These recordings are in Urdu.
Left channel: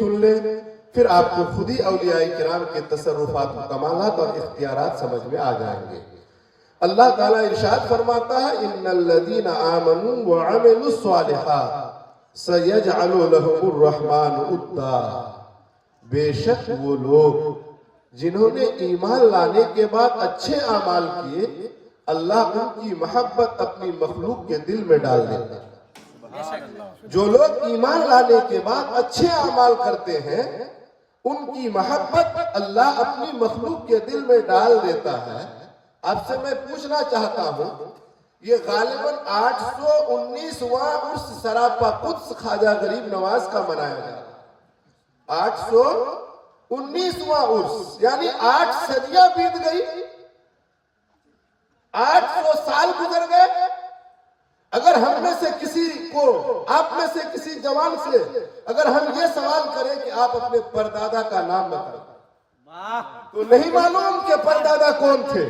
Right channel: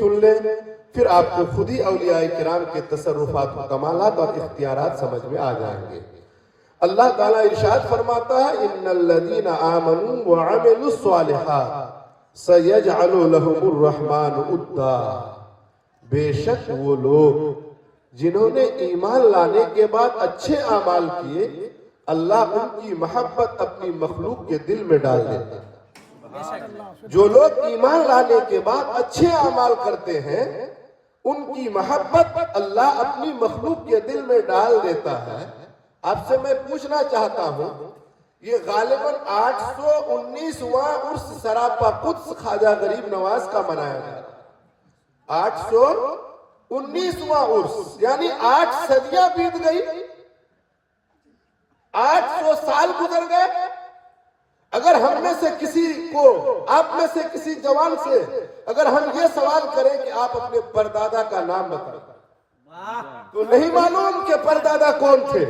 سن لیں، پھر آپ کو خود ہی اولیاء کرام کے تصرفات و کمالات اور اختیارات سمجھ میں آ جائیں گے۔ اللہ تعالیٰ ارشاد فرماتا ہے ان الذین آمنوا وعملوا الصالحات سیجعل لهم الرحمن ودا، بے شک وہ لوگ جنہوں نے ایمان لانے کے بعد اچھے اعمال کیے، اللہ ان کی محبت اپنی مخلوق کے دل میں ڈال دیتے ہیں۔ جو لوگ ایمان لانے کے بعد اچھے اعمال کرتے ہیں ان کی محبت اللہ اپنی مخلوق کے دل میں ڈال دیتا ہے۔ آپ سے میں پوچھنا چاہتا ہوں، یہ غالباً 819واں عرس سراپا قدس خواجہ غریب نواز کا منایا جاتا ہے۔ 819واں عرس، یعنی 8 صدیاں بیت گئی، 800 سال گزر گئے۔ اگر ہم میں سے کسی کو، آپ میں سے کسی جوان سے اگر ہم یہ سوال کریں کہ آپ اپنے پردادا کا نام بتائیں تو نہیں معلوم کہ پردادا کون تھے،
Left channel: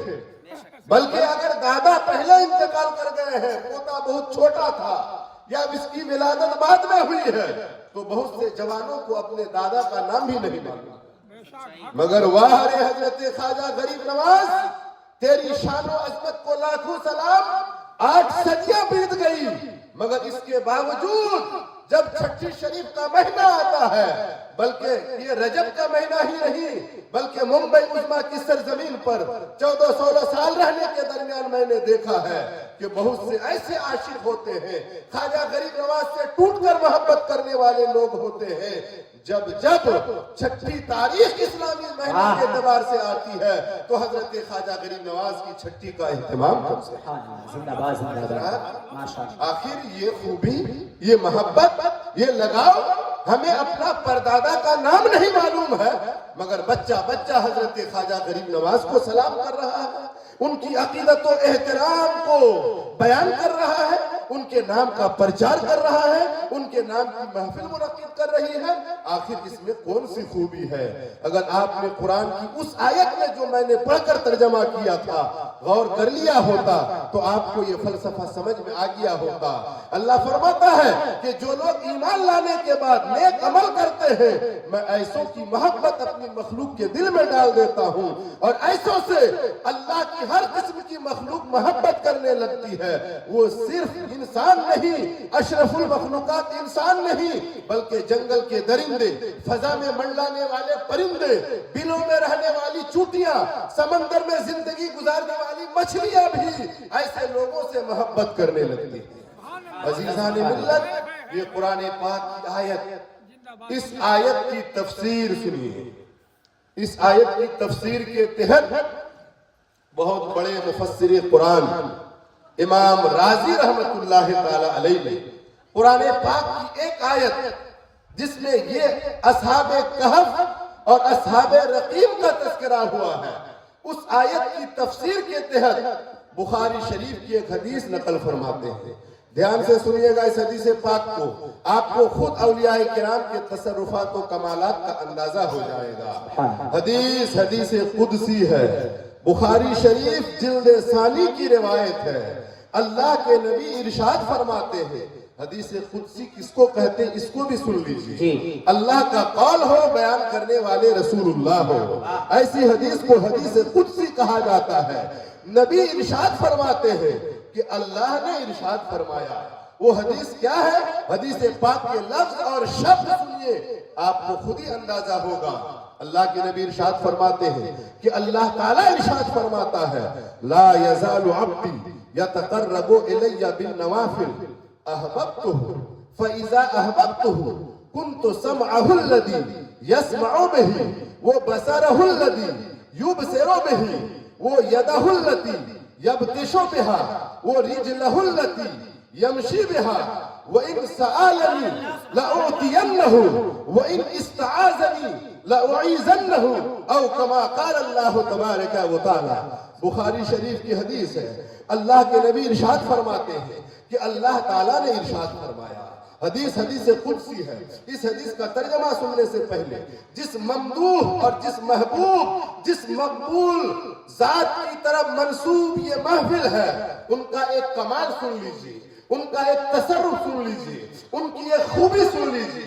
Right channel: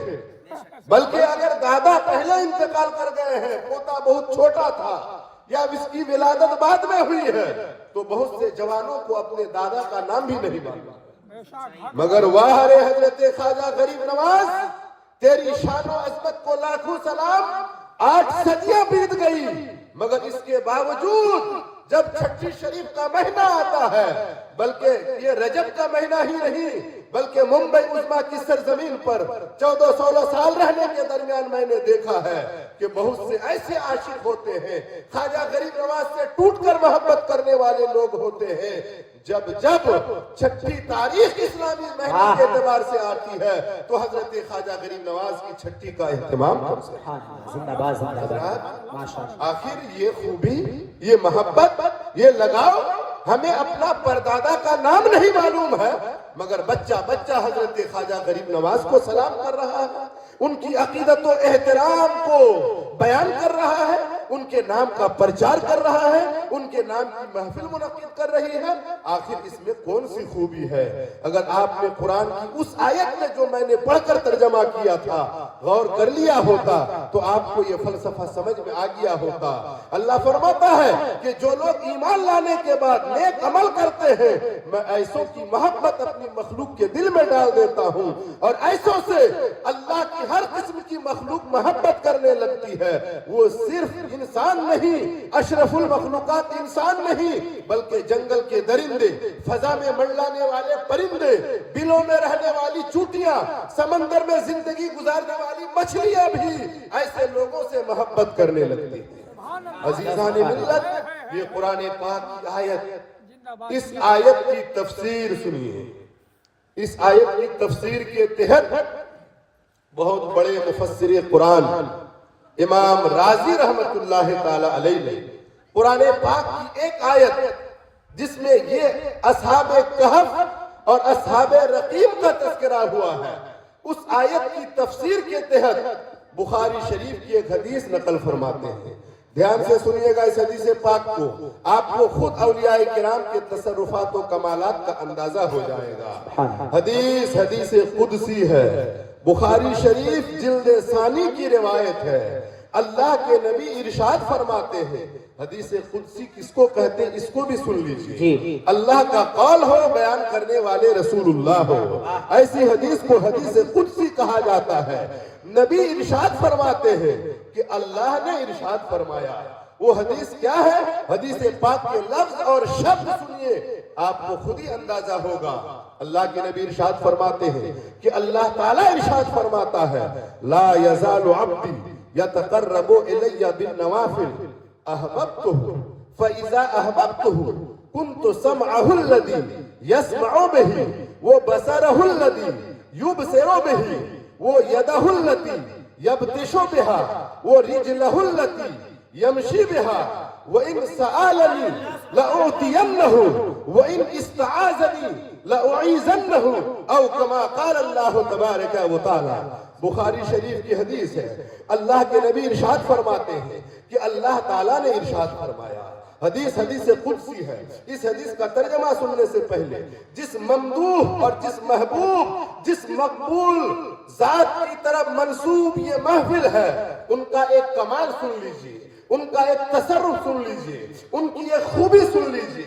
بلکہ اگر دادا پہلے انتقال کر گئے ہیں، پوتا بہت چھوٹا تھا یا اس کی ولادت بعد میں ہوئی ہے، تو بہت سے جوانوں کو اپنے دادا کا نام بھی نہیں معلوم۔ مگر واہ رے حضرت خواجہ غریب نواز، تیری شان و عظمت کو لاکھوں سلام۔ 8 صدیاں بیت گئی، مگر اس کے باوجود جب چھٹی شریف کا مہینہ آتا ہے، بلکہ یہ رجب کا مہینہ ہی نہیں بلکہ ممبئی عظمیٰ کی سرزمین پر 14-16 سال رہنے کے درمیان میں نے دیکھا ہے کہ بہت سے ایسے عاشق ہوتے ہیں، خواجہ غریب نواز سے ٹوٹ کر محبت کرنے والے لوگ ہوتے ہیں۔ جب چھٹی تاریخ اسلامی مہینے کے اعتبار سے آتی ہے تو حضرت خواجہ غریب نواز کی چھٹی کا اہتمام کر سکتے ہیں۔ آخر یہ خوبی، یہ محبت، یہ لگاؤ، ہمیں اپنا پردادا کا نام نہیں معلوم ہے مگر بچہ حضرت خواجہ غریب نواز کو سلام کر رہا ہے، ان کی عقیدت و احترام کو بیان کر رہا ہے، ان کے نام کا پرچار کر رہا ہے، ان کے نام کی محفل منعقد کر رہی ہے۔ آخر اس میں کون سی خوبی ہے؟ اگر آپ نے قرآن کی اس آیت میں جو میں نے پڑھ کر ترجمہ کیا تھا غور کر لیا ہوتا تو آپ کو یہ فلسفہ سمجھ میں آ گیا ہوتا۔ اللہ فرماتا ہے کہ جو لوگ ایمان لانے کے بعد نیک عمل کرتے ہیں، میں ایسوں کی محبت اپنی مخلوق کے دل میں ڈال دیتا ہوں، اور ایسوں سے اللہ کی ہر قسم کی مخلوق محبت کرنے لگتی ہے۔ وہ صرف انسان نہیں، اشرف المخلوقات انسان نہیں، بلکہ جنگل کے درندے، فضا میں منڈلانے والے پرندے، بلوں میں رہنے والی چوٹیاں، سمندر میں زندگی گزارنے والی مچھلیاں بھی ایسے لوگوں سے محبت کرنے لگتی ہیں۔ عزیزان ملت، یہ قرآن پاک کی آیت، اس آیت کی تفسیر سنیے۔ اس آیت کی تفسیر کے تحت بہت بڑے مفسر قرآن امام رازی رحمت اللہ تعالی علیہ نے قرآن پاک کی ایک آیت جس میں یہ اصحاب کہف اور اصحاب رقیم کا تذکرہ ہوا ہے، اس آیت کی تفسیر کے تحت بخاری شریف کی ایک حدیث نقل فرماتے ہیں۔ دھیان سے سنیے گا اس حدیث پاک کو، آپ کو خود اولیاء کرام کے تصرفات و کمالات کا اندازہ ہو جائے گا۔ حدیث قدسی ہے، بخاری شریف جلد ثانی کی روایت ہے۔ اللہ کے نبی ارشاد فرماتے ہیں، حدیث قدسی کس کو کہتے ہیں اس کو بھی سن لیجیے۔ اللہ کا قول ہو، بیان کرنے والے رسول اللہ ہو، ایسی حدیث کو حدیث قدسی کہا جاتا ہے۔ نبی ارشاد فرماتے ہیں کہ اللہ نے ارشاد فرمایا۔ وہ حدیث کیا ہے؟ حدیث پاک کے لفظ اور شبد سنیے، آپ کو خود ہی اندازہ ہوگا۔ اللہ کے نبی ارشاد فرماتے ہیں کہ اللہ تعالیٰ ارشاد فرماتا ہے، لا یزال عبدی یتقرب الی بالنوافل احببتہ فاذا احببتہ کنت سمعہ الذی یسمع بہ وبصرہ الذی یبصر بہ ویدہ التی یبطش بہا ورجلہ التی یمشی بہا وَإِنْ سَآلَنِي لَأُعْطِيَنَّهُ وَإِنْ اسْتَعَاذَنِي لَأُعِيذَنَّهُ أَوْ كَمَا قَالَ اللَّهُ تَبَارَكَ وَتَعَالَى۔ بخاری شریف کی حدیث ہے، اللہ کے نبی ارشاد فرماتے ہیں کہ اللہ تعالیٰ نے ارشاد فرمایا۔ حدیث قدسی ہے۔ اس حدیث کا ترجمہ سننے سے پہلے جس ممدوح اور جس محبوب، جس مقبول ذات کی طرف منسوب یہ محفل ہے، ان کا ایک کمال سن لیجئے، ان کا ایک تصرف سن لیجئے، ان کی ایک خوبی سن لیجئے۔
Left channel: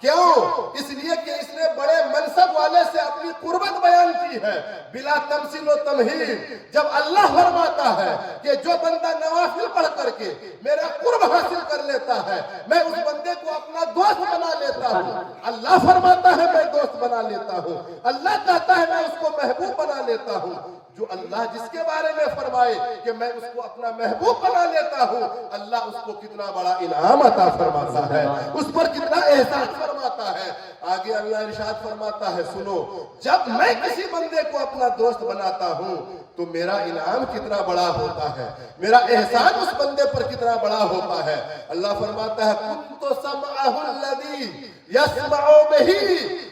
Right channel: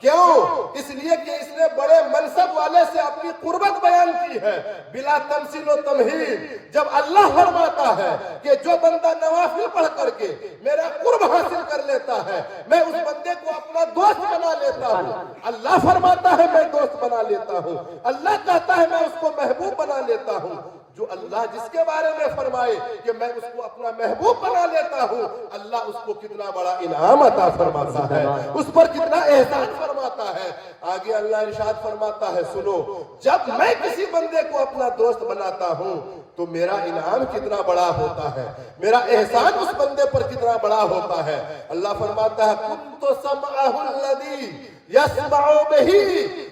کیوں؟ اس لیے کہ اس نے بڑے منصب والے سے اپنی قربت بیان کی ہے بلا تمثیل و تمہید۔ جب اللہ فرماتا ہے کہ جو بندہ نوافل پڑھ کر کے میرا قرب حاصل کر لیتا ہے میں اس بندے کو اپنا دوست بنا لیتا ہوں۔ اللہ فرماتا ہے میں دوست بنا لیتا ہوں، اللہ کہتا ہے میں اس کو محبوب بنا لیتا ہوں۔ جو اللہ جس کے بارے میں فرمائے کہ میں اس کو اپنا محبوب بنا لیتا ہوں، اللہ اس کو کتنا بڑا انعام عطا فرماتا ہے، اس پر کتنا احسان فرماتا ہے۔ آگے اللہ ارشاد فرماتا ہے سنو، جب میں کسی بندے کو اپنا دوست بناتا ہوں تو میرا انعام کتنا بڑا ہوتا ہے، میرا احسان اس بندے پر کتنا بڑا ہوتا ہے۔ اللہ فرماتا ہے كنت سمعه الذي يسمع به،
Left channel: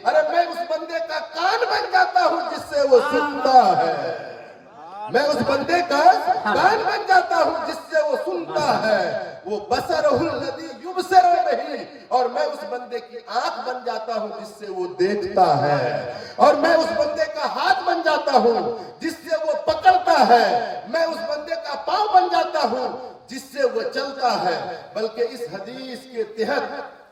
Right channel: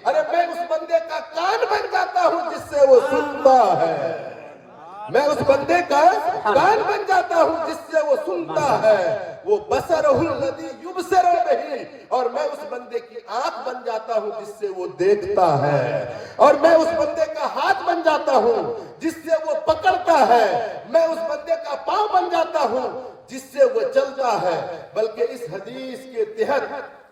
ارے میں اس بندے کا کان بن جاتا ہوں جس سے وہ سنتا ہے، میں اس بندے کا کان بن جاتا ہوں جس سے وہ سنتا ہے۔ وہ بصرہ الذی یبصر بہ، اور میں اس بندے کی آنکھ بن جاتا ہوں جس سے وہ دیکھتا ہے، اور میں اس بندے کا ہاتھ بن جاتا ہوں جس سے وہ پکڑتا ہے، میں اس بندے کا پاؤں بن جاتا ہوں جس سے وہ چلتا ہے۔ بلکہ اس حدیث کے تحت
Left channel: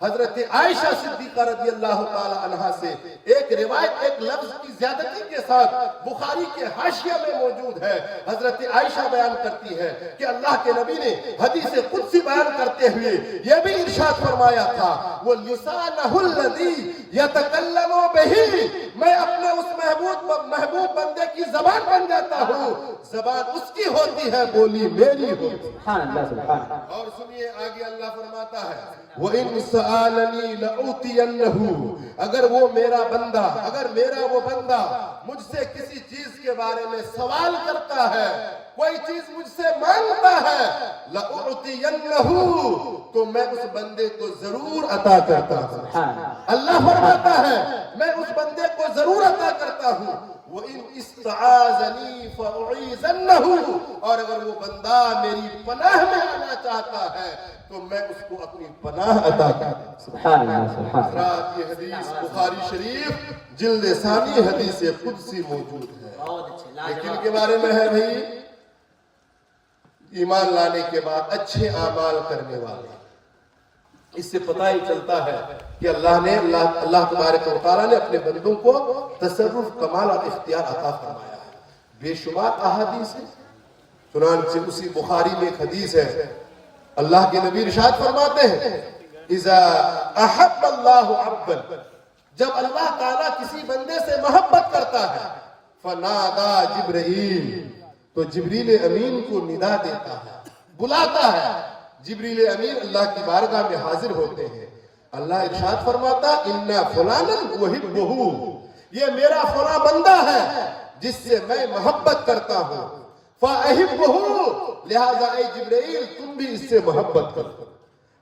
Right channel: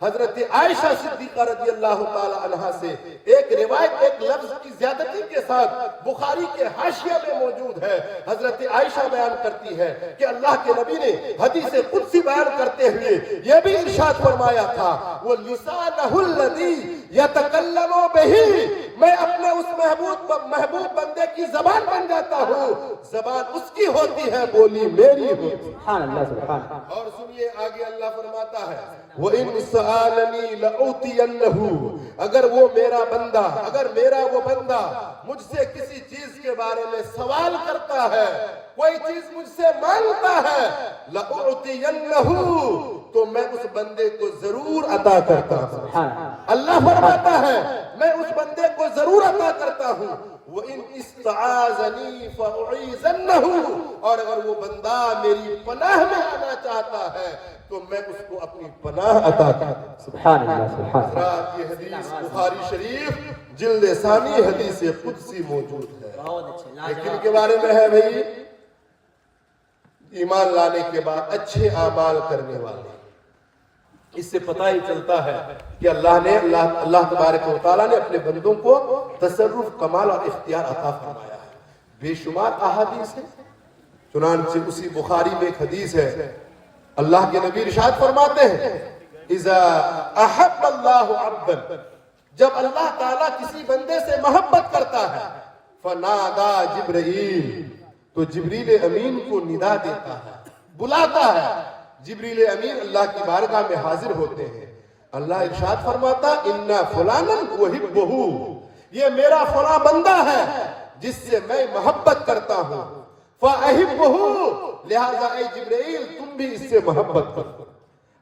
حضرت عائشہ صدیقہ رضی اللہ تعالی عنہا سے ایک روایت ایک لفظ کی زیادتی کے ساتھ بخاری کے حاشیے میں موجود ہے۔ حضرت عائشہ بیان کرتی ہے کہ اللہ کے نبی نے حدیث قدسی بیان کرتے ہوئے یہ بھی ارشاد فرمایا تھا وَلِسَانَهُ الَّذِي يَتَكَلَّمُ بِهِ، میں اپنے اس محبوب بندے کی زبان بن جاتا ہوں، زبان اس کی ہوتی ہے، بولی میری ہوتی ہے۔ اور سنیے آگے اللہ فرماتا ہے وَإِنْ سَأَلَنِي لَأُعْطِيَنَّهُ، اگر وہ میرا وہ بندہ مجھ سے کسی چیز کے بارے میں سوال کرتا ہے، کوئی چیز مجھ سے مانگتا ہے، لَأُعْطِيَنَّهُ، تو میں اس بندے کو ضرور عطا کرتا ہوں۔ اللہ فرماتا ہے میں اس بندے کو ضرور عطا کرتا ہوں۔ وَإِنْ اسْتَعَاذَنِي فَأُعِيذَنَّهُ، اور اگر وہ بندہ میری پناہ میں آنا چاہتا ہے تو میں اس کو اپنی پناہ عطا کرتا ہوں۔ سبحان اللہ سبحان اللہ۔ حضرات یہ حدیث بخاری شریف جلد ثانی حدیث قدسی موجود ہے۔ لیکن کے بارے میں ہے بھئی ایمان لانے کے بعد اچھے اعمال کرنے والے، اس سے پتہ ہی چلتا ہے کہ اللہ تبارک و تعالیٰ نے اپنے بندوں کو تصرف کمال اور اختیار عطا فرمایا ہے۔ بے شمار احادیث ہیں، چنانچہ اسی بخاری میں ایک حدیث ہے اللہ کے نبی ارشاد فرماتے ہیں اذا احب اللہ عبدا، جب اللہ تعالیٰ کسی بندے سے محبت کرتا ہے فنادا جبرائیل، تو جبریل امین کو ندا دیتا ہے، بلاتا ہے۔ جبریل امین اللہ کی بارگاہ میں حاضر ہوتے ہیں، اللہ ارشاد فرماتا اِنَّا فُلَانًا أُحِبُّهُ، یہ میرا فلاں بندہ ہے جس سے میں محبت کرتا ہوں، فَأَحِبُّهُ، لہذا اے جبرائیل تم بھی اس سے محبت کرو۔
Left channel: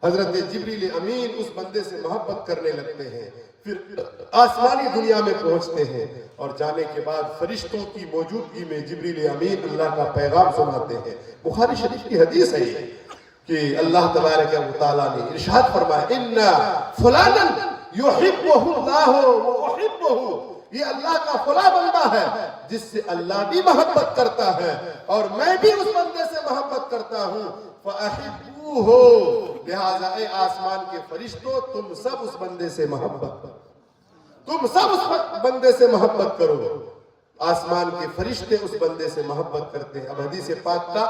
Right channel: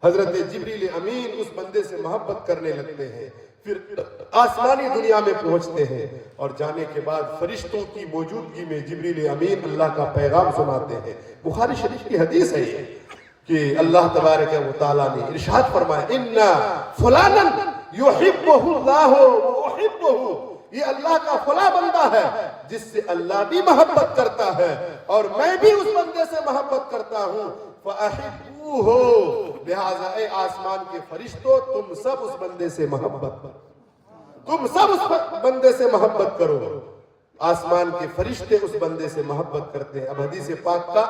حضرت جبریل امین اس بندے سے محبت کرنے لگتے ہیں، پھر آسمانی دنیا میں پہنچتے ہیں اور جانے کے بعد فرشتوں کی موجودگی میں جبریل امین اللہ کا پیغام سناتے ہیں۔ بخاری شریف کی حدیث ہے یہ کہ اللہ تبارک و تعالیٰ نے ارشاد فرمایا اِنَّا فُلَانًا يُحِبُّهُ اللَّهُ وَأُحِبُّهُ، یہ اللہ کا فلاں بندہ ہے جس سے اللہ بھی محبت کرتا ہے اور میں بھی اس بندے سے محبت کرتا ہوں، فَأَحِبُّوهُ، لہذا اے آسمان کے فرشتوں تم سب اس بندے سے محبت کرو، تم سب اس بندے سے محبت کرو۔ آسمان کے فرشتے اس بندے سے محبت کرتے ہیں۔ اب حدیث پاک کا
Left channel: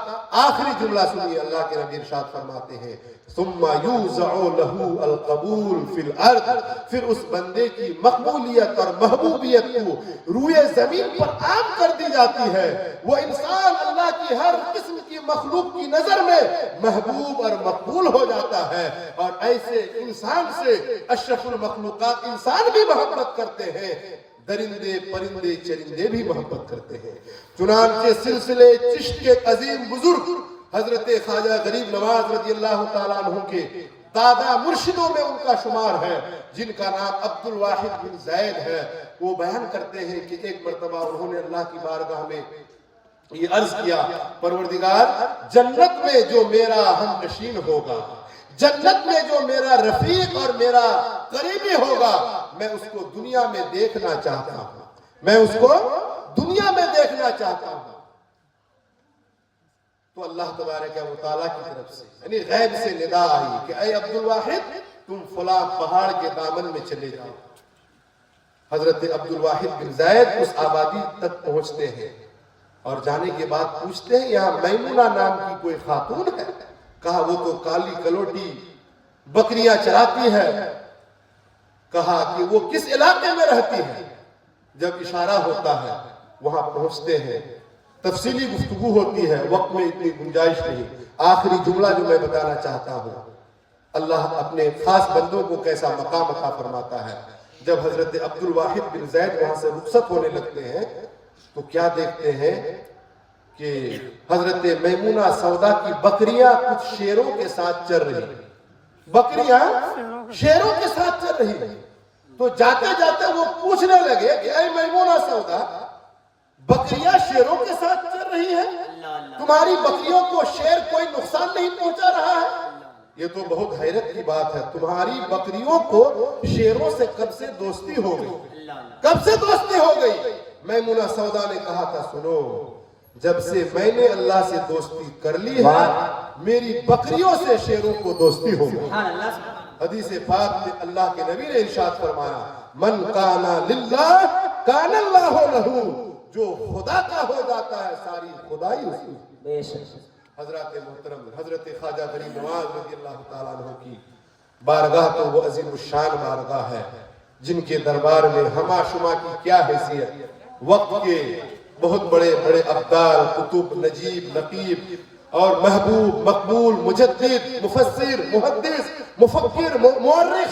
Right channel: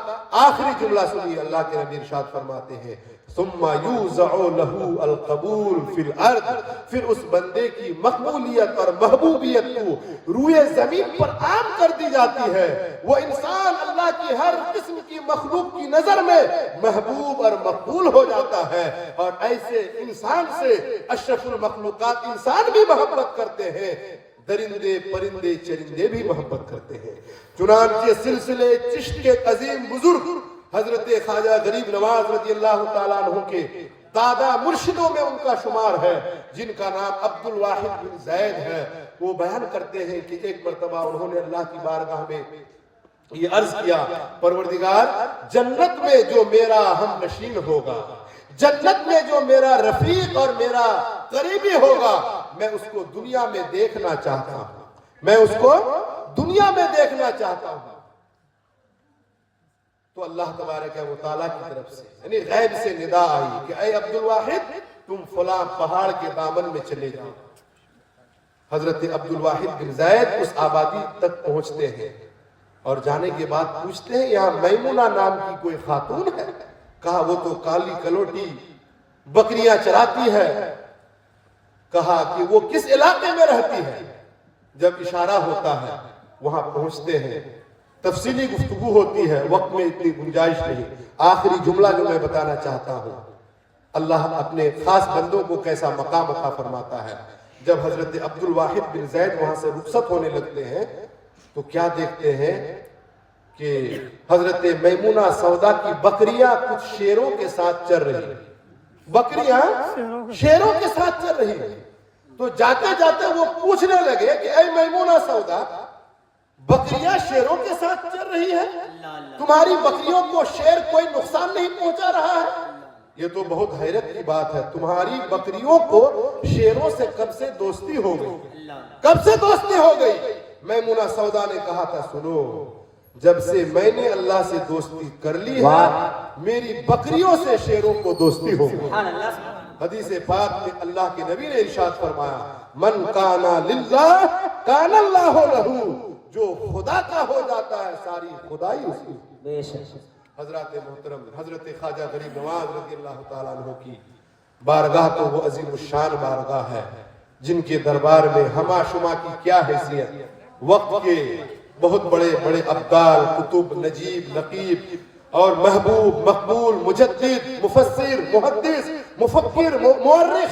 آخری جملہ سنیے، اللہ کے نبی ارشاد فرماتے ہیں ثم یوزع له القبول فی الارض، پھر اس بندے کی مقبولیت اور محبوبیت کو روئے زمین پر عام کر دی جاتی ہے۔ وہ انسان اللہ کی ہر قسم کی مخلوق کی نظر میں محبوب اور مقبول ہو جاتا ہے، اور ایسے انسان سے اشرف المخلوقات انسان بھی محبت کرتے ہیں، درندے پرندے چرندے بھی محبت کرتے ہیں۔ چنانچہ سلسلے چشت کے عظیم بزرگ حضرت خواجہ غریب نواز رضی اللہ تعالیٰ عنہ کے دادا مرشدوں میں ان کا شمار ہے، جن کا نام عبد الواحد بن زید ہے۔ وہ بیان کرتے ہیں کہ ایک مرتبہ انہوں نے اللہ کی بارگاہ میں یہ عرض کیا پروردگار، جنت میں جو میرا ہم نشین ہوگا، جنت میں جو میرا رفیق اور میرا قریبی ہوگا، میں اس کو دنیا میں دیکھنا چاہتا ہوں، میں اس کو دنیا میں دیکھنا چاہتا ہوں۔ تو اللہ تبارک و تعالیٰ کی طرف سے یعنی غیب سے ندا آئی کہ اے عبد الواحد تم فلاں پہاڑ کے دامن میں چلے جاؤ۔ حضرت عبد الواحد بن زید اس آبادی تک پہنچتے ہیں اور جانے کے بعد پوچھتے ہیں یہاں میمونہ نام کی کوئی خاتون ہے؟ کہا وہ تو کالی کلوٹی بکریاں چراتی ہے۔ کہا کہ وہ کس علاقے میں رہتی ہے؟ جب اشارہ ہوتا ہے وہاں پہنچتے ہیں، تفصیلی گفتگو ہوتی ہے، وقت میں اتنی گنجائش نہیں۔ آخری جملہ جو میں بتانا چاہتا ہوں، اللہ اپنے خاص بندوں کو کیسا مقام عطا فرماتا ہے۔ جب حضرت عبد الواحد بن زید وہاں سے رخصت ہونے لگتے ہیں تو کیا دیکھتے ہیں کہ حضرت میمونہ سودا کی بکریاں کچھ شیروں کے ساتھ چر رہی ہیں۔ بکریاں شیروں کے ساتھ چر رہی ہیں۔ تو جاتے جاتے وہ پوچھنے لگے کہ اے میمونہ سودا، بکریاں شیروں کے ساتھ چر رہی ہے، تمہاری بکریوں کو شیر کوئی نقصان نہیں پہنچا رہا ہے؟ یہ تو بہت حیرت کی بات ہے، تمہاری بکریوں کو شیروں سے کب سے دوستی ہو گئی؟ کب سے دوستی ہو گئی؟ میمونہ سودا نے کہا تھا سنو، جب سے میں نے اللہ سے دوستی کر لی ہے میری بکریوں سے شیروں کو دوستی ہو گئی۔ حدیث پاک میں اللہ کے نبی نے ارشاد فرمایا من کانا للہ کان اللہ لہو، جو خدا کا ہو جاتا ہے ساری خدائی اسی کی۔ حضرات محترم، حضرت خواجہ غریب نواز رضی اللہ تعالیٰ عنہ کی بارگاہ تو وہ عظیم الشان بارگاہ ہے جن کے دربار میں ہما شما کی کیا حیثیت۔ وقت کے بہت بڑے بڑے ابدال، کتب، نجیب، لقیب اور محبوب، مقبول، مجدد، مفسر، محدث، مفکر، مورخ،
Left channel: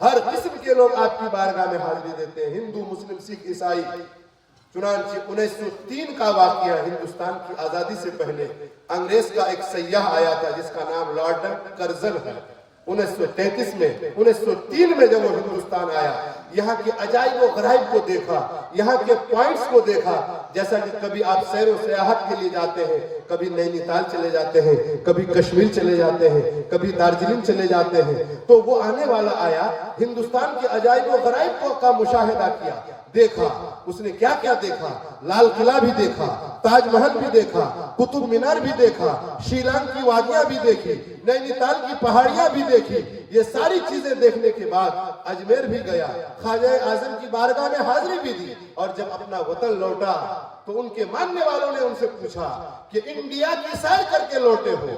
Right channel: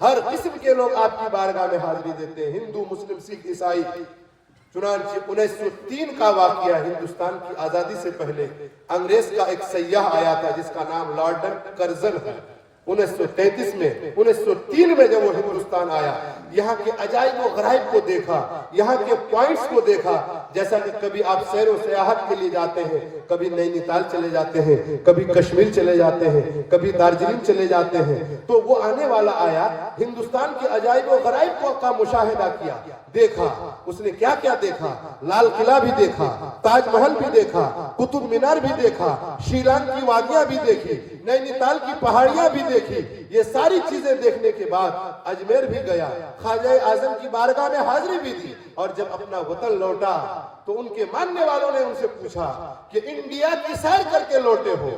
ہر قسم کے لوگ آپ کی بارگاہ میں حاضری دیتے ہیں، ہندو، مسلم، سکھ، عیسائی۔ چنانچہ 1903 کا واقعہ، ہندوستان کی آزادی سے پہلے انگریز کا ایک سیاح آیا تھا جس کا نام لارڈن کرزن ہے۔ 1903 میں جب وہ ہندوستان آیا، یہاں کے عجائب و غرائب کو دیکھا، یہاں کے پوائنٹس کو دیکھا، جیسا کہ کبھی آپ سیر و سیاحت کے لیے جاتے ہیں، کبھی نینی تال چلے جاتے ہیں، کبھی کشمیر چلے جاتے ہیں، کبھی دارجلنگ چلے جاتے ہیں، تو وہ آنے والا آیا، ہندوستان کے عجائب و غرائب کا مشاہدہ کیا، دیکھا۔ اس نے کیا کیا دیکھا؟ لال قلعہ بھی دیکھا، تاج محل بھی دیکھا، قطب مینار بھی دیکھا، شیلانگ کی وادیاں بھی دیکھی، نینی تال کی پہاڑیاں بھی دیکھی۔ یہ ساری چیزیں دیکھنے کے بعد اجمیر بھی گیا، خواجہ اعظم کی بارگاہ میں حاضری بھی دی، اور جب اپنا وطن لوٹا تو ان کے ماننے والوں نے ان سے پوچھا کہ انڈیا کی سیر کر کے لوٹے ہو،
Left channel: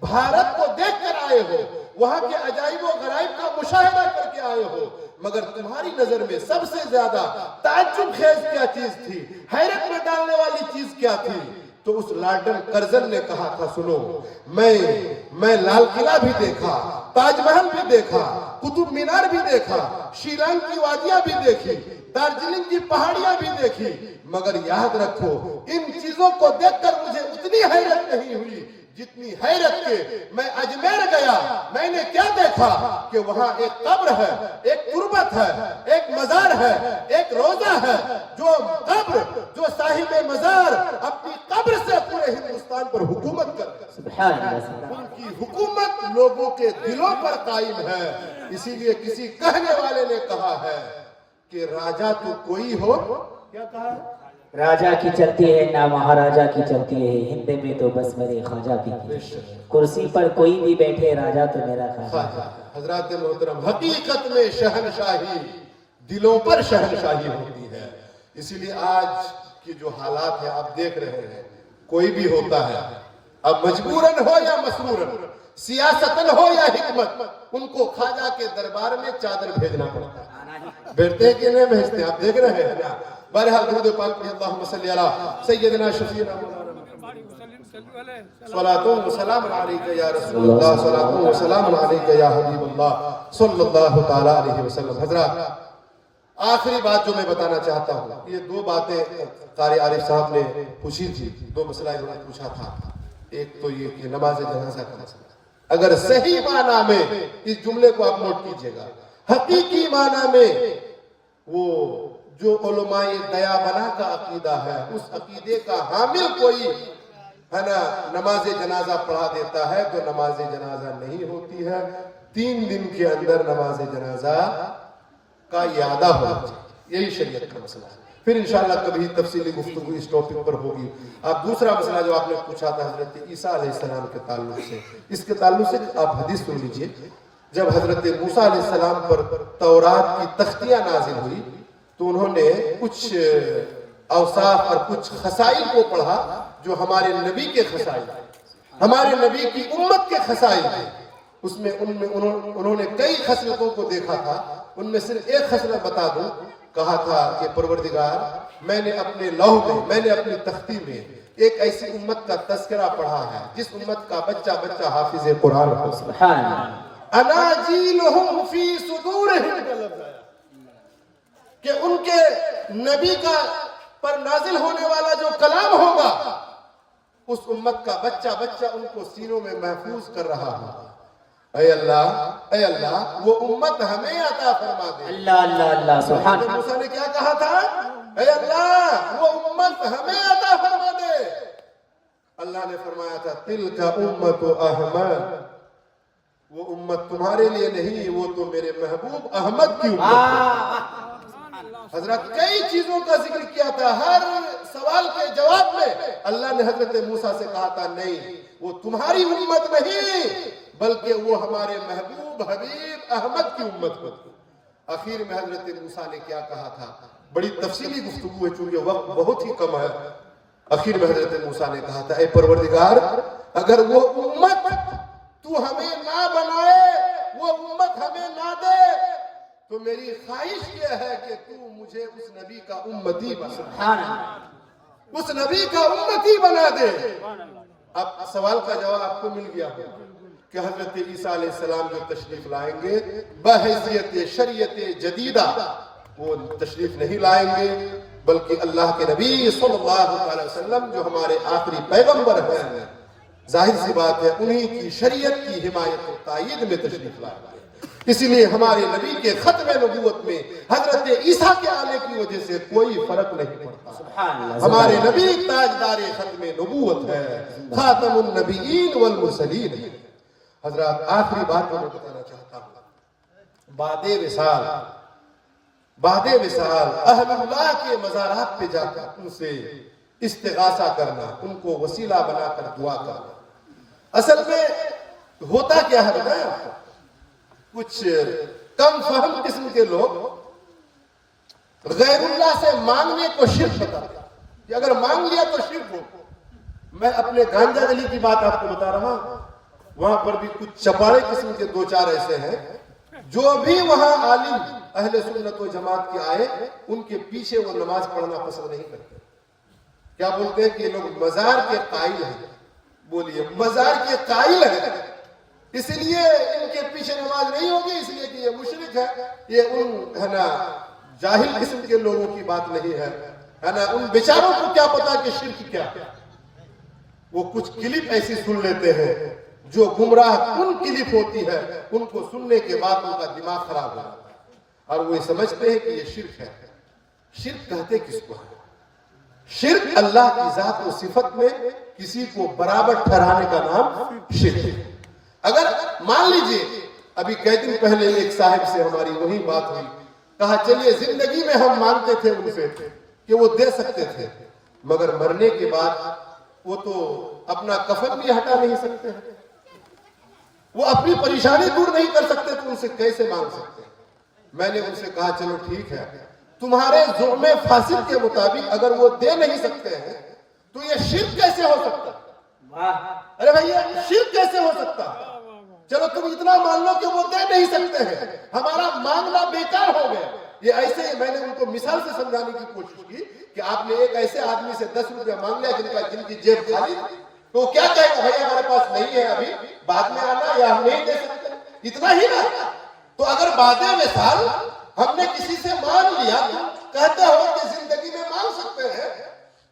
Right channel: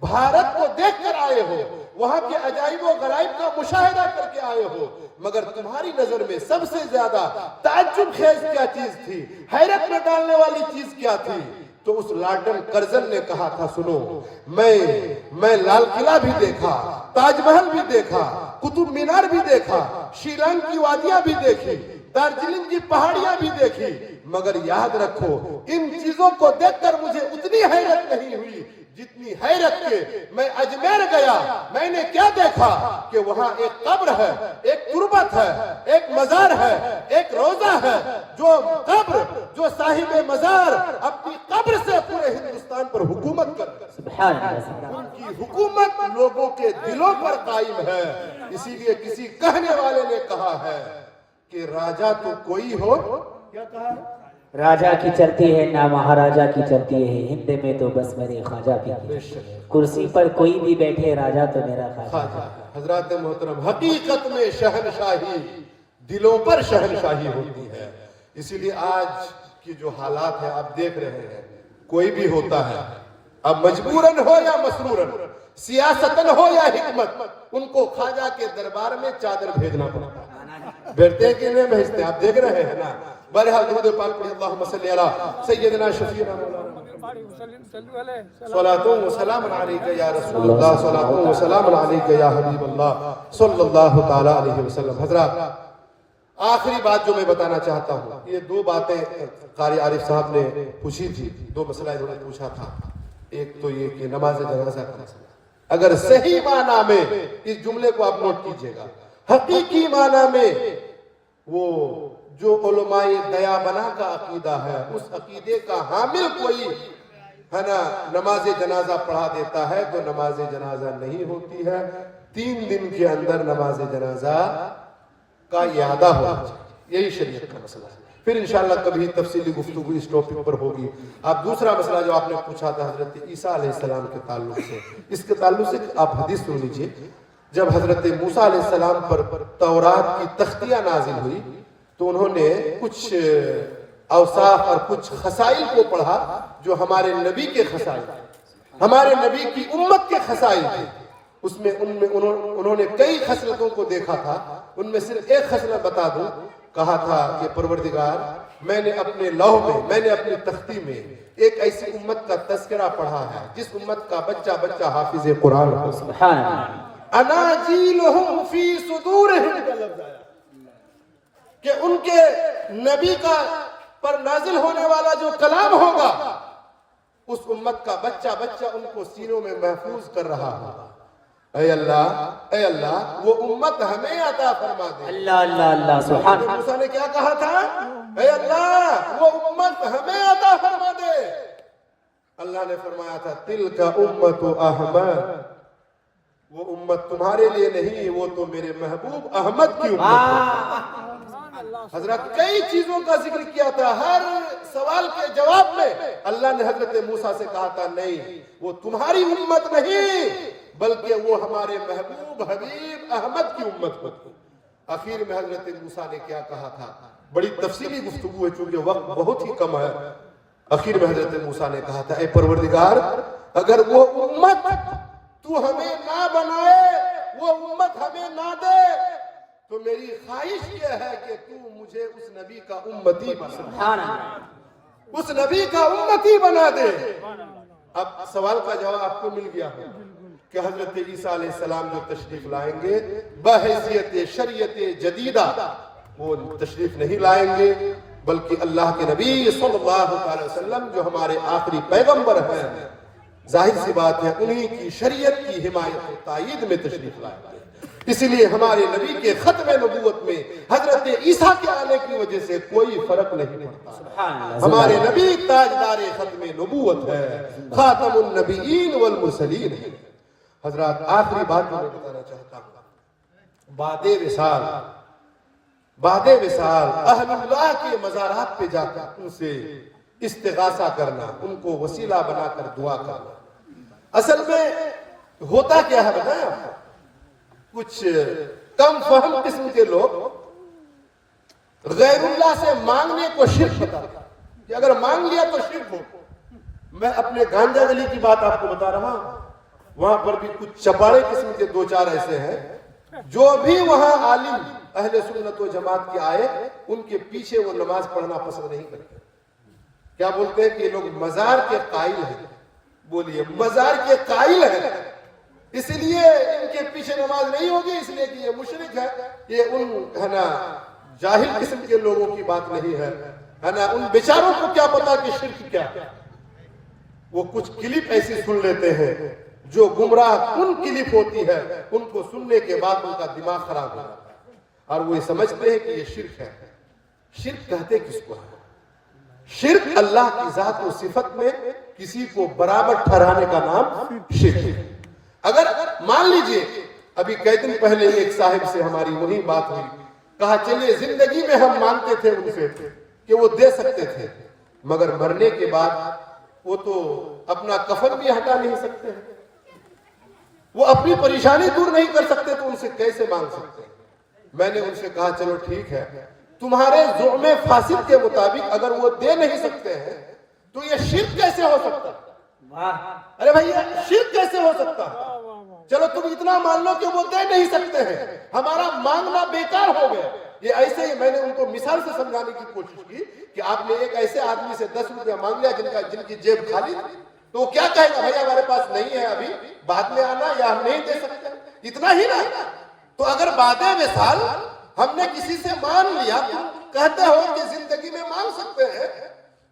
بھارت کو دیکھ کر آئے ہو، وہاں کے عجائب و غرائب کا مشاہدہ کر کے آئے ہو، مگر تمہاری نظر میں سب سے زیادہ تعجب خیز کیا چیز تھی، حیرت میں ڈالنے والی چیز کیا تھی؟ تو اس لارڈن کرزن نے کہا تھا سنو، میں لال قلعہ بھی دیکھا، تاج محل بھی دیکھا، قطب مینار بھی دیکھا، شیلانگ کی وادیاں بھی دیکھی، دارجلنگ کی پہاڑیاں بھی دیکھی، مگر یاد رکھو ان چیزوں کو دیکھ کر مجھے اتنی حیرت نہیں ہوئی جتنی حیرت کے میں اجمیر گیا، میں نے کیا دیکھا کہ وہاں ایک قبر ہے، ایک تربت ہے، ایک مزار ہے، ایک روضہ ہے، جو قبر، جو صاحب مزار اپنی قبر سے پورے ہندوستان پر حکومت کر رہا ہے، ان کی حکومت لوگوں کے دلوں پر قائم ہے۔ اسی لیے کسی کہنے والے نے کہا ہے کہ راجہ تو کوئی ہو، کیا کہا ہے؟ راجہ کی چلتی ہے نہ مہاراجہ کی چلتی ہے، ہند میں تو بس میرے خواجہ کی کرسی پر کوئی بھی بیٹھے، راجہ تو میرا خواجہ۔ حضرات محترم، حقیقت میں شہنشاہی دلوں پر شہنشاہی ہوتی ہے۔ اسی لیے آج کی جو حالات ہیں آپ دیکھ رہے ہیں، کوئی بھی ہوتا ہے، اب مجبوراً ہو یا مسرورن، سیاستاً ہو یا حکمت، ان کو خواجہ کے دربار میں چادر بھیجنا پڑتا ہے، بیٹھتے کہ نہیں بھیجتے؟ آپ دیکھ رہے ہیں نا۔ بہرحال درود پاک پڑھی، اللہم صلی علی سیدنا شفیعنا مولانا صلاۃ و سلام علیک یا رسول اللہ، صلاۃ و سلام علیک یا حبیب اللہ صلی اللہ تعالی علیہ وسلم۔ حضرات، آخری بات جو میں بتانا چاہتا ہوں، یہ دو باتیں قاری عارف صاحب نے پوچھی تھی، دو مسئلہ انہوں نے پوچھا تھا۔ ایک تو یہ کہ نماز جنازہ کا مسئلہ، اگر صحیح معنی میں اس جملے کو آپ نوٹ کیجئے گا، حقیقی معنی میں وہ جو علماء دیا بنا کا عقیدہ ہے، اس عقیدے کا حامل کوئی ہے نا نماز جنازہ پڑھا دیتا ہے تو نماز جنازہ نہیں ہوتی ہے۔ 3 دن کے اندر نماز جنازہ کا اعادہ ہونا چاہیے، یہی شریعت کا مسئلہ ہے۔ پھر انشاءاللہ کبھی تفصیلی گفتگو اس ٹاپک پر ہوگی۔ اب دوسرا مسئلہ جو آپ نے پوچھا تھا حضرت عیسیٰ علیہ السلام کے تعلق سے، اس کے تعلق سے آپ حدیث سن لیجئے۔ جب حضرت موسیٰ علیہ السلام پر تورات کی تختیاں نازل ہوئی تو انہوں نے کچھ اوصاف اور کچھ خصائل کو پڑھا جو ہمارے نبی کے خصائل تھے، ہمارے نبی کی امت کے خصائل تھے۔ اس میں انہوں نے کئی خصلتوں کو دیکھا تھا، ان میں صرف ایک خصلت بتا دوں، کہا تھا کہ پروردگار میں نے اپنے لوح میں، میں نے اپنی تختی میں ایک ایسی امت کا تذکرہ پڑھا ہے جس امت کا بچہ بچہ حافظ قرآن ہو۔ سبحان اللہ۔ اناجیلہم فی صدورہم کا لفظ آیا کہ ان کے نبی کا پر نازل ہونے والا جو کلام ہوگا اس امت کا بچہ بچہ ان کو سینوں میں محفوظ کر رہا ہوگا۔ اے اللہ وہ امت ہمیں عطا فرما دے۔ اللہ اللہ اللہ سبحان اللہ۔ موسیٰ نے کیا کہا تھا؟ اے اللہ وہ امت ہمیں عطا فرما دے۔ اللہ نے فرمایا تھا تلک امت احمد، وہ امت تمہارے لیے نہیں، وہ تو میرے محبوب احمد کی امت ہے۔ حضرت کئی چیزوں کا ذکر کیا تھا، ہر سوال کے جواب میں اللہ نے حضرت موسیٰ سے کہا تھا نہیں وہ تمہاری امت نہیں بلکہ وہ ہمارے محبوب حبیب احمد کی امت کو۔ آخر میں حضرت موسیٰ نے کیا کہا تھا، بڑی تفصیلی گفتگو ہے چونکہ وقت بہت ہی کم ہے۔ آخر میں حضرت موسیٰ نے کہا تھا اے پروردگار اگر وہ امت تو ہمیں نہ بنائے، وہ امت ہمیں نہ دے تو میری خواہش یہ ہے کہ تو مجھے اس نبی کا امتی بنا، اس نبی کا امتی بنا دے۔ اب سوال کا جواب آپ کو مل گیا ہو کہ حضرت عیسیٰ علیہ السلام جو تشریف لائیں گے بحیثیت شریعت جدیدہ وہ تشریف نہیں لائیں گے بلکہ اللہ کے نبی صلی اللہ علیہ وسلم جو ہمارے آخری پیغمبر ہیں، ظاہر سی بات ہے انہی کی شریعت کی حمایت اور تائید میں تشریف لائیں گے۔ اسی لیے ہمارے نبی کے ختم نبوت میں حضرت عیسیٰ کے آنے کی وجہ سے کوئی فرق نہیں پڑتا۔ ہمارے نبی تاجدار ختم نبوت ہے، خاتم النبیین والمرسلین۔ حضرات آخری بات میں بتانا چاہتا ہوں، بعد وصال اہل اللہ کے مزارات پہ جا کر ان سے استغاثہ کرنا، ان کو وسیلہ بنا کر دعا کرنا۔ اصل میں ہوتا کیا ہے بتایا، کچھ کم فہم قسم کے لوگ غیر اللہ سے مانگنے کو شرک بتاتے ہیں کہ اگر مانگ لیا تو شرک ہو۔ میں اپنے گانجا گلی کی بات آپ کو بتا رہا ہوں، وہاں پر بھی کچھ چپاڑے قسم کے دو چار ایسے ہیں جو بھی وہاں عالم اہل سنت و جماعت کے آئے ان کے پیچھے وہ نماز پڑھنا پسند نہیں کرتے۔ کیا بولتے ہیں کہ یہ لوگ مزار کے قائل ہیں، بولیے مزار کے قائل ہیں، اس لیے ان کے پیچھے نماز نہیں ہوگی، اس لیے کہ یہ مشرک ہے۔ یہ ان ہے نا جاہل قسم کے لوگوں کی بات نہیں ہے نا، ان بیچاروں کو کیا پتا کہ شرک کیا ہے۔ وہ کچھ کلپ ایسی سن لیتے ہیں جو گمراہ کن کلپ ہوتی ہے، ان کو سننے کے بعد ان کا دماغ خراب ہو جاتا ہے اور وہ یہ سمجھتے ہیں کہ یہ شرک ہے۔ شرک کہتے کس کو ہے؟ شرک اللہ کی ذات و صفت میں کسی کو برابر ٹھہرانے کا نام شرک ہے۔ اگر مان لیجئے ابھی کئی دن پہلے ایک صاحب سے ہماری وہی بات ہوئی، کہا چلیے زندگی میں ہم مانتے تھے ان سے کہ وہ دے سکتے تھے مگر مرنے کے بعد وہ تو اپنا کفن بھی ہٹا نہیں سکتے، وہ اپنی پریشانی دور نہیں کر سکتے تو ان سے کیسے مانگ سکتے؟ میں نے ان سے کہا چلو ٹھیک ہے، تمہارے زعم فاسد کے مطابق اگر وہ دے نہیں سکتے ہیں تو یہ شرک کیسے ہو سکتا ہے؟ ارے بھائی شرک کیسے ہو سکتا ہے؟ چلو تم اتنا مان لو کہ وہ دے نہیں سکتے ہیں، ہمارا مانگنا بیکار ہو گیا۔ یہ ایسے ہی میں نے ان کو مثال سے سمجھانے کی کوشش کی کہ آپ نے ایک ایسے آدمی سے 10 روپیہ مانگ لیا جن کی جیب خالی تھی، تو کیا کہے گا بھائی ہمارے پاس نہیں ہے ابھی، بعد میں آنا یا ہم نہیں دے سکتے، اتنا ہی نا۔ تو اگر بعد مثال ہم نے کسی سے مان لیا، کہتے ہو کہ زندگی میں مانگ سکتے ہیں،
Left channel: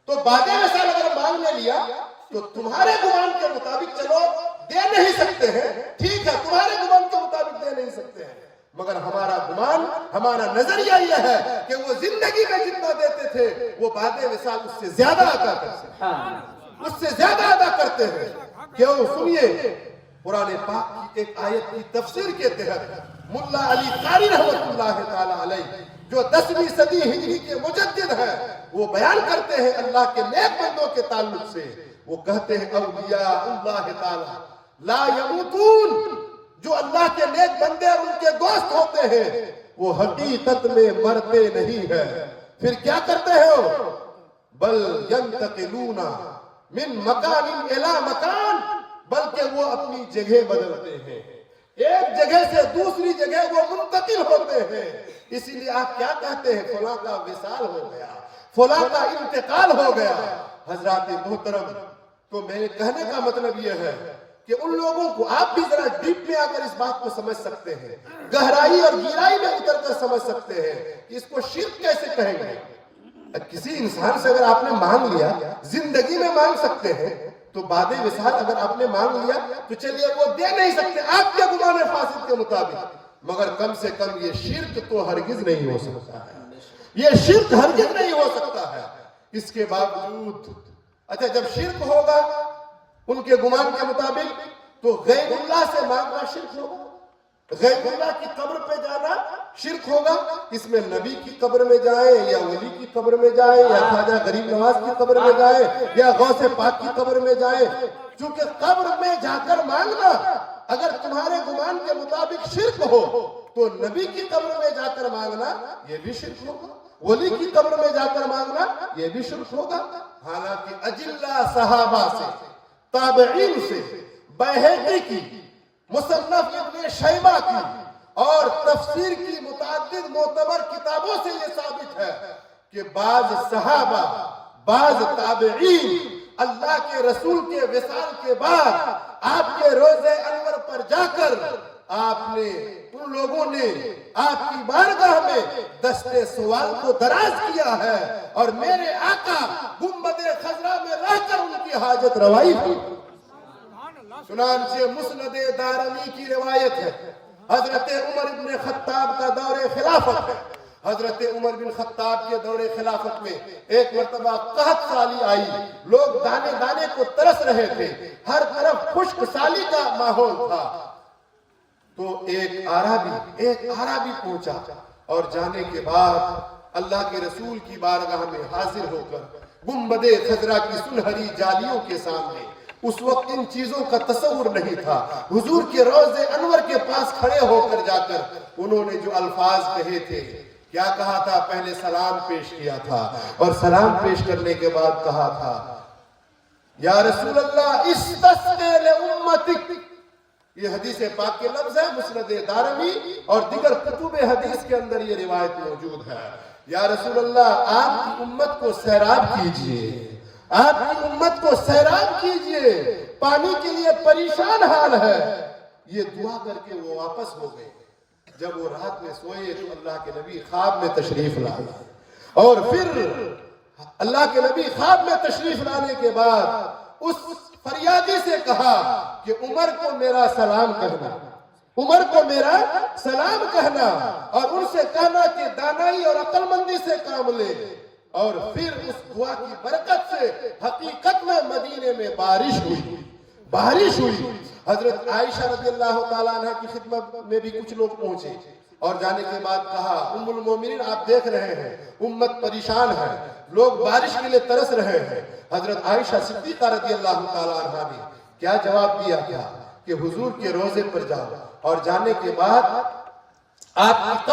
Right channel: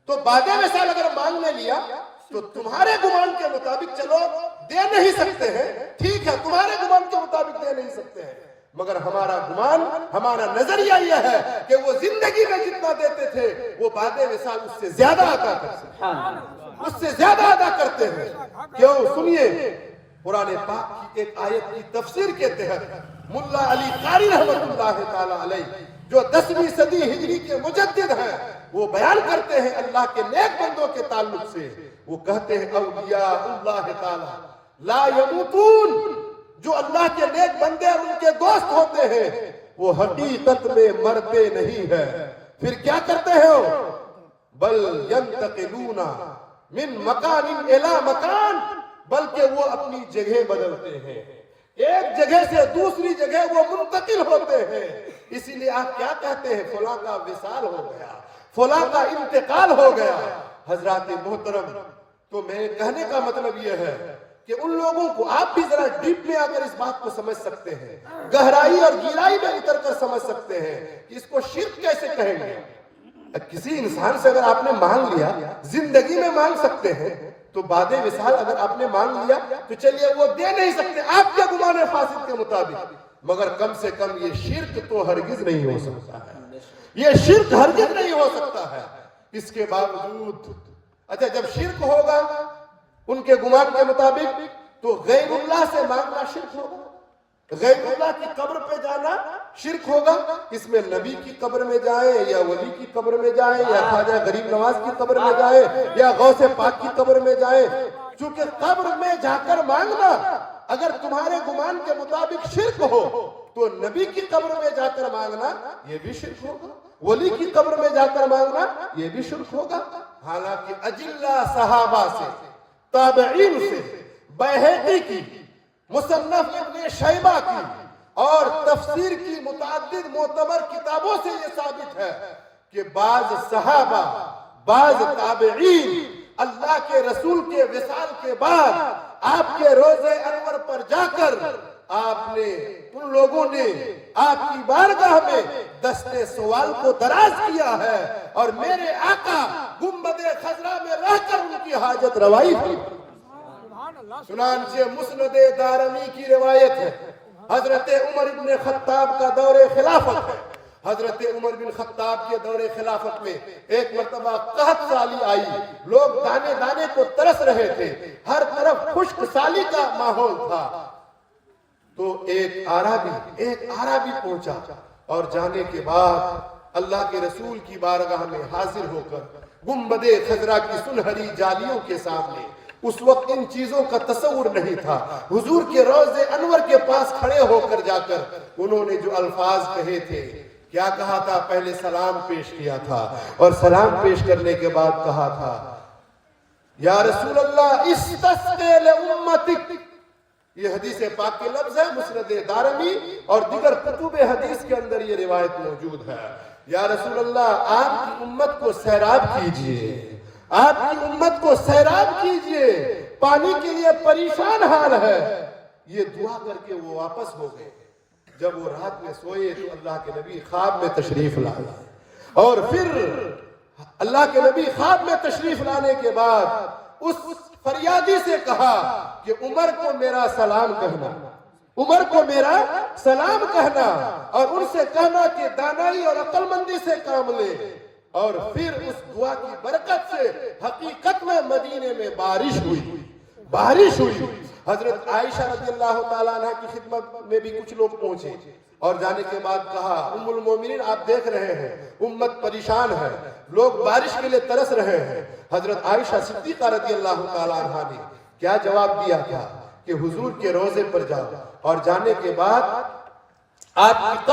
تو بعد مثال اگر مانگ نے لیا تو تمہارے گمان کے مطابق چلو دے نہیں سکتے ہیں، ٹھیک ہے تمہارے گمان کے مطابق دے نہیں سکتے ہیں، مگر ہمارا گمان، ہمارا نظریہ یہ ہے کہ وہ زندگی میں جتنا دیتے تھے وہ بعد مثال اس سے زیادہ ادا کرتے ہیں، اس سے زیادہ ادا کرتے ہیں۔ کیوں؟ سنیے قرآن پاک کی ایک آیت کی تفسیر کے تحت ملا علی قاری رحمت اللہ تعالی علیہ جو 10ویں صدی ہجری کے مجدد ہیں، وہ بیان کرتے ہیں اللہ کے نیک بندوں کے تعلق سے، وہ کہتے ہیں اولیاء اللہ تعالی لا یموتون جو اللہ کے نیک بندے اور ان کے دوست ہوتے ہیں وہ حقیقت میں مرتے نہیں ہیں، پھر کیا کرتے ہیں؟ بل ینتقلون من مکان الی مکان، بلکہ وہ اپنی جگہ بدلتے ہیں، ایک جگہ سے دوسری جگہ وہ منتقل ہوتے ہیں۔ اسی لیے آپ کیا کہتے ہیں؟ فلاں کا وصال ہو گیا، فلاں کا انتقال ہو گیا۔ حضرات محترم، تو میرے کہنے کا مطلب یہ ہے کہ ان لوگوں کو آپ بھی ذرا ڈیپ میں اگر اس بات کو سمجھ سکتے ہیں، گہرائی اور گہرائی میں اتر کر سمجھ سکتے ہیں کہ اس کو شرک کیسے کہیں گے۔ کسی انسان سے اگر آپ نے مانگ لیا، زندگی میں مانگ سکتے ہیں، تو بعد وصال اگر آپ نے مانگ لیا تو چلیے وہ دے نہیں سکتے آپ کے گمان فاسد کے مطابق، مگر کم سے کم یہ شرک تو ہرگز نہیں ہو سکتا ہے، یہ شرک ہرگز نہیں ہو سکتا ہے۔ اس کے باوجود اچھا جب شرک ہوگا ان کے گمان کے مطابق تو غیر اللہ سے مانگنا شرک ہوگا، غیر اللہ کی قبر پہ جانا شرک ہوگا۔ اس میں نبی کی قبر میں جائے یا ولی کی قبر میں جائے یا خواجہ غریب نواز کی قبر میں جائے یا غوث پاک کی قبر میں جائے، چونکہ قبر میں جا کر مانگنا اگر تمہارے گمان کے مطابق شرک ہو تو نبی کی قبر میں جا کر مانگنا یہ بھی شرک ہوگا، ولی کی قبر میں جا کر مانگنا یہ بھی شرک ہوگا۔ حالانکہ اجلہ صحابہ سے، تابعین سے، بیہقی کی، مصنف ابن شیبہ کی اور تفسیر کی متعدد معتبر کتابوں سے یہ ثابت ہے کہ بعض صحابہ، بعض تابعین اللہ کے رسول کے وصال کے بعد آپ کے روضے انور پر جا کر آپ نے، ان لوگوں نے آپ کی بارگاہ میں دستے سوال کو دراز کیا ہے اور میرے آقا گنبد خضرا میں رہ کر ان کی حاجت روائی کی۔ چنانچہ مسند دارمی کی روایت ہے، حضرت عمر بن خطاب کا دور خلافت ہے، حضرت عمر بن خطاب کے دور خلافت میں ایک مرتبہ قحط سالی آئی، لوگ دانے دانے کو ترس رہے تھے، ہر طرف خشک سالی کا ماحول تھا، تو ایک عربی پہنچا اور جانے کے بعد اللہ کے رسول کی بارگاہ میں حاضر ہو کر گنبد خضرا کی سنہری جالیوں کے سامنے، اس وقت ان چیزوں کا تصور نہیں تھا، حضور کے روضے انور کے پاس کھڑے ہو کر جا کر انہوں نے جو الفاظ کہے تھے، کیا کہا تھا؟ پہلے سلام پیش کیا تھا اور سلام پیش کرنے کے بعد کہا تھا یا رسول اللہ استسقِ لأمتک، یہ حدیث پاک کے لفظ ہے، مسند دارمی اور دیگر کتب حدیث کے اندر یہ روایت موجود ہے۔ یا رسول اللہ آپ کی امت کو سیراب کیجئے، آپ کی امت کو سیراب کیجئے، پانی کے لیے پریشان حال ہے۔ یہ دعا کر کے وہ واپس ہو گئے۔ جب وہ رات میں سوئے تو اللہ کے نبی خواب میں تشریف لائے، اور پھر اللہ کے نبی خواب میں تشریف لانے کے بعد اس فریادی سے کہا کہ عمر کو میرا سلام کہنا، عمر کو میرا سلام کہنا، اور ان سے کہنا کہ دانائی اور عقل مندی سے کام لے۔ اور پھر اس دعا کی برکت سے حقیقت میں مدینے میں بارش ہوئی۔ حضرت عائشہ رضی اللہ تعالیٰ عنہ کی خدمت میں بھی کچھ لوگ پہنچے اور جانے کے بعد کہا ام المومنین آپ دیکھ رہے ہیں امت پریشان ہے، لوگ بارش کے لیے ترس رہے ہیں۔ حضرت عائشہ صدیقہ رضی اللہ تعالیٰ عنہ نے کیا جواب دیا تھا کہ حضور کے روضے پر جاؤ اور جانے کے بعد آپ کی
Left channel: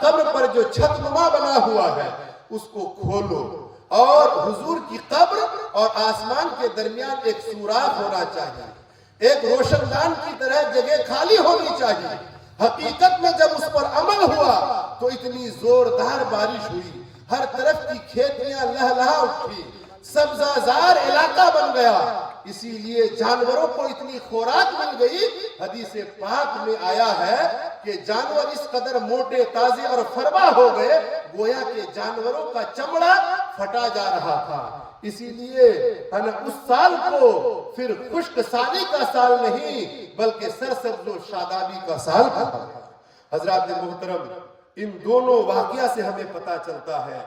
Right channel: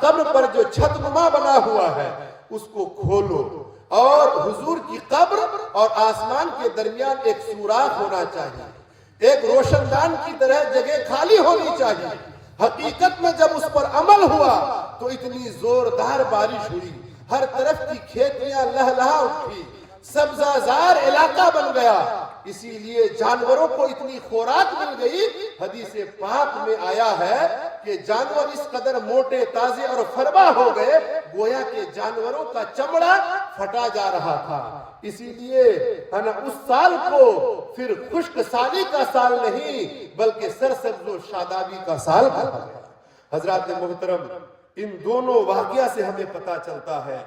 قبر پر جو چھت نما بنا ہوا ہے اس کو کھولو، اور حضور کی قبر اور آسمان کے درمیان ایک سوراخ ہونا چاہیے، ایک روشن دان کی طرح جگہ خالی ہونی چاہیے۔ حقیقت میں جب اس پر عمل ہوا تو اتنی زوردار بارش ہوئی، ہر طرف کی کھیتیاں لہلہا اٹھی، سبزہ زار علاقہ بن گیا، اسی لیے جانوروں کو اتنی خوراک مل گئی۔ حدیث پاک میں آیا ہے کہ جانور اس قدر موٹے تازے اور فربا ہو گئے گویا کہ جانوروں کا چمڑا پھٹا جا رہا تھا۔ اسی لیے اس سال کو پھر خشک سالی کا سال نہیں بلکہ سرسبز و شادابی کا سال تھا۔ حضرات محترم، ان دونوں واقعہ سے ہمیں پتہ چلتا ہے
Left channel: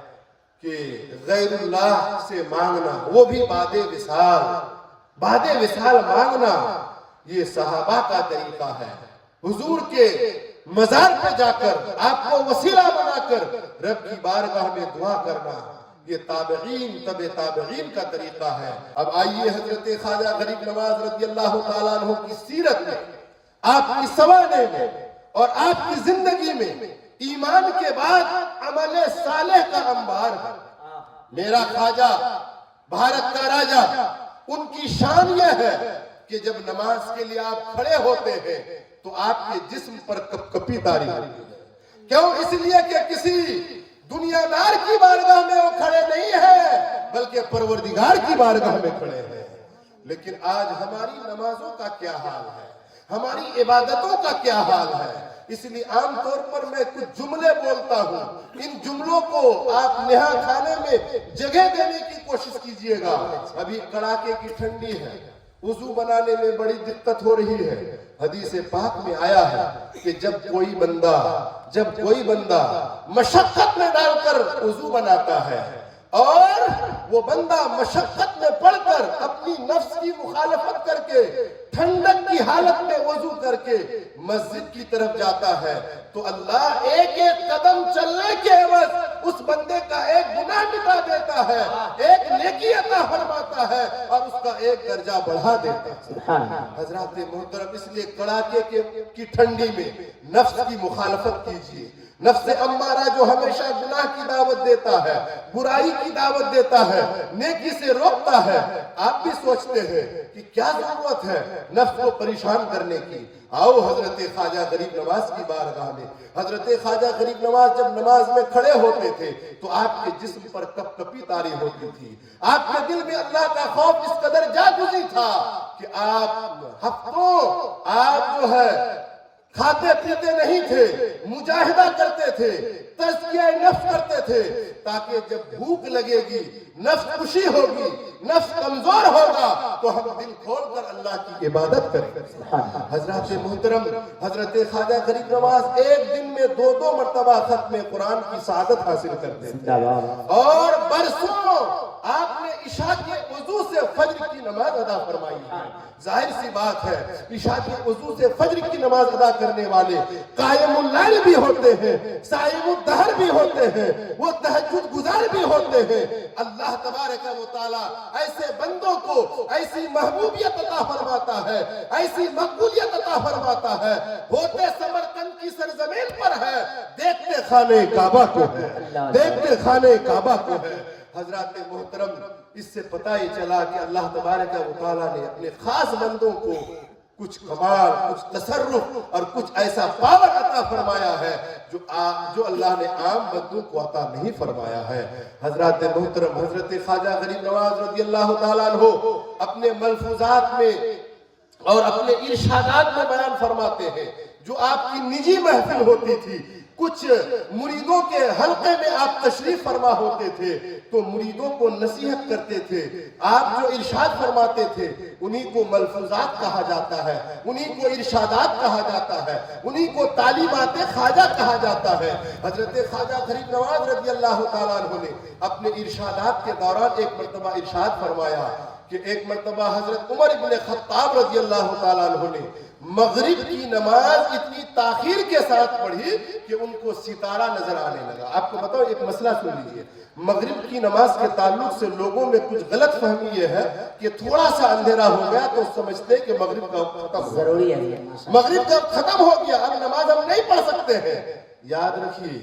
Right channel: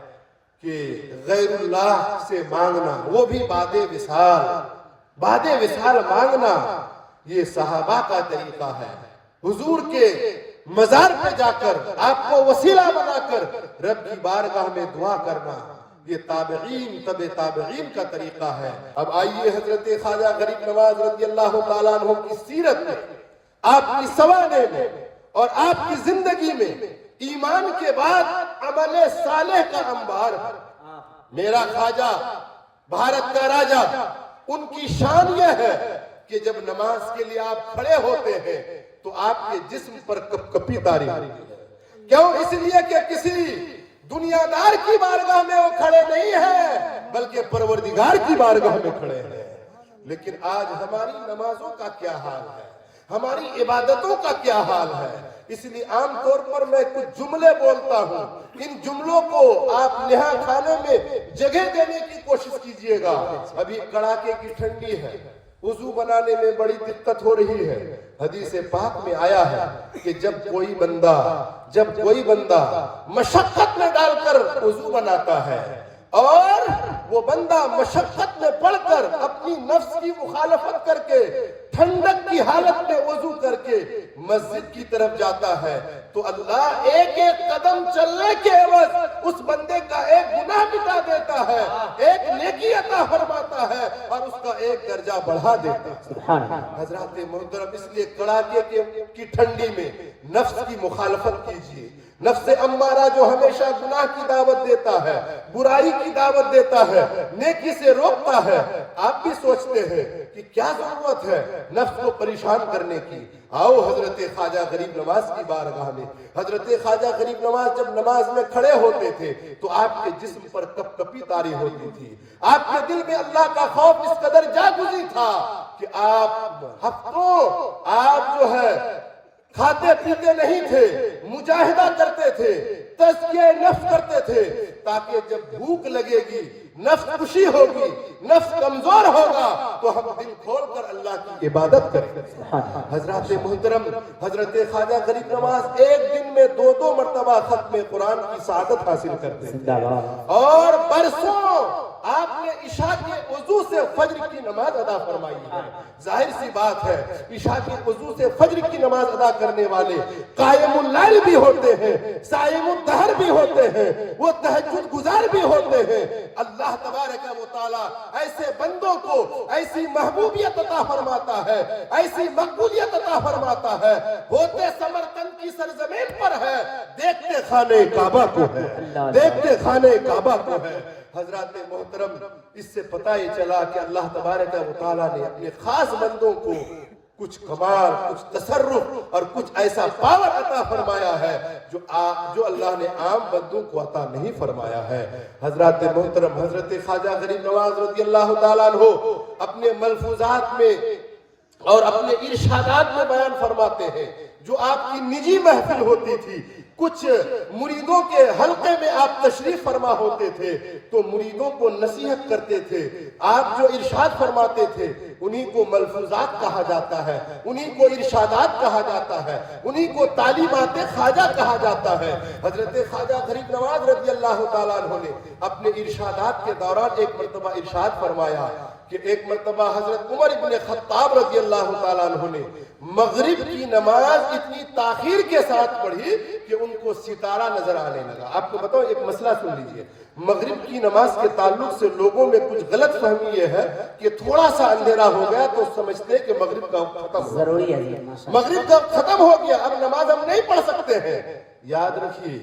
کہ غیر اللہ سے مانگنا، وہ بھی بعد وصال مانگنا، یہ صحابہ کا طریقہ ہے۔ حضور کے مزار پہ جا کر آپ کو وسیلہ بنا کر رب کی بارگاہ میں دعا کرنا، یہ تابعین کا طریقہ ہے۔ اب آئیے حضرت خواجہ غریب نواز رضی اللہ تعالیٰ عنہ کی سیرت میں آپ کی سوانے میں اور آپ کی زندگی میں ایمان کے بعد عمل صالح کا انبار ہے۔ میرا خواجہ بھارت کا راجا، ان کی شان یہ ہے کہ جب نماز کے لیے آپ کھڑے ہوتے ہیں تو آپ کے جسم پر کپ کپی طاری ہوتی ہے۔ کیوں؟ اس لیے کہ کسی دنیا دار کی بارگاہ میں وہ کھڑے نہیں ہیں بلکہ پروردگار کی بارگاہ میں کھڑے ہیں۔ لیکن آج ہماری نمازوں کا کیا حال ہے، ہماری عبادتوں کا کیا حال ہے؟ اس لیے عام طور پر میں کچھ جملے بولتا ہوں، ان جملوں کو آپ نہا کھانے میں جگہ دینے کی کوشش کیجئے گا۔ ابھی کڑاکے کی ٹھنڈی ہے، وضو بنانے میں بڑی دقت ہو رہی ہے۔ حدیث پاک میں آیا ہے کہ جب کوئی بندہ مشقت میں ڈال کر وضو بناتا ہے اور وہ بندہ مشقت میں پڑھ کر اپنی نفس کی مخالفت کر کے ٹھنڈک کی حالت میں وضو کر کے مسجد کی طرف جاتا ہے تو اللہ ایک ایک قدم چلنے کے عوض اس بندے کا ایک گناہ مٹا دیتا ہے، ایک نیکی عطا فرماتا ہے اور اس کا ایک درجہ بڑھا دیتا ہے۔ حضرات محترم، اس لیے کڑاکے کی ٹھنڈی میں نفس کی مخالفت کیجیے۔ نفس امارہ جو ہمیشہ گناہ کی دعوت دیتا ہے، برائی کی دعوت دیتا ہے، نیکی سے روکتا ہے، آپ بھی سوچتے ہیں کہ کیا ضرورت ہے نفس کو پریشان کرنے کی؟ آؤ حضرت خواجہ غریب نواز کی بارگاہ میں۔ حضرت خواجہ غریب نواز جب نماز میں کھڑے ہوتے تھے تو آپ کے جسم پر کپ کپی طاری ہوتی تھی، آپ کے دل میں اللہ کا خوف اس قدر جاگزی تھا کہ آپ ہفتوں جو ہے کھاتے پیتے نہیں تھے، مجاہدہ کرتے تھے، تزکیہ نفس کرتے تھے تاکہ جب بھوک لگے گی، نفس خوشی ہوگی، نفس کمزور ہوگا تو ہم دل کھول کر اللہ کی عبادت کریں۔ حضرات محترم، حضرت خواجہ غریب نواز ایک دن میں 2 مرتبہ ختم قرآن کی سعادت حاصل کرتے تھے اور برسوں آپ نے عشاء کے وضو سے فجر کی نماز ادا فرمائی ہے۔ ظاہر سی بات ہے عشاء کے وضو سے فجر کی نماز ادا کرنے والے قائم اللیل بھی ہوتے ہیں، صائم الدہر بھی ہوتے ہیں، وہ تہجد گزار بھی ہوتے ہیں۔ اللہ تبارک و تعالی ایسے بندوں کو ایسی محبوبیت عطا فرماتا ہے، ایسی مقبولیت عطا فرماتا ہے، ہوتے سمرقند کی سرزمین پر ہے، دیکھتے خانے کعبہ کو ہے، دیکھتے خانے کعبہ کو ہے۔ حضرات محترم، اس سے پتہ یہ چلا کہ اللہ تبارک و تعالیٰ نے اپنے خاص بندوں کو کچھ کمال، کچھ تصرف اور کچھ ایسا پاور عطا فرمایا ہے جو اللہ نے عام بندوں کو عطا نہیں فرمایا ہے۔ حضرات محترم، حضرت خواجہ غریب نواز رضی اللہ تعالیٰ عنہ اپنے ملفوظات میں اور اپنے ارشادات میں بیان فرماتے ہیں، جو آپ کی نجی محفل ہوتی تھی، کچھ مریدوں کے حلقے میں آپ تشریف فرما ہوتے تھے تو مریدوں کو نصیحت کرتے تھے، آپ جو ارشاد فرماتے تھے انہی کو ملفوظات کہا جاتا ہے، انہی کو ارشادات کہا جاتا ہے، انہی کو تعلیمات خواجہ کہا جاتا ہے۔ حضرت خواجہ غریب نواز رضی اللہ تعالیٰ عنہ نے اپنے ارشادات کے دوران ایک مرتبہ ارشاد فرمایا کہ ایک مرتبہ حضرت عمر ابن خطاب رضی اللہ تعالیٰ عنہ نے مغرب کی نماز اتنی تاخیر کے ساتھ پڑھی کہ ان کو ستارہ نظر آنے لگا۔ آپ کو بتاؤ ایک مسئلہ سن لیجئے، مغرب کی نماز کے تعلق سے لوگوں میں کچھ غلط فہمی یہ ہے کہ تھوڑا سا اندھیرا ہو گیا تو سمجھتے کہ مغرب کا وقت ختم ہو گیا، مغرب کا وقت ختم ہو گیا، اب نماز ہم نہیں پڑھ سکتے ہیں۔ یاد رکھیے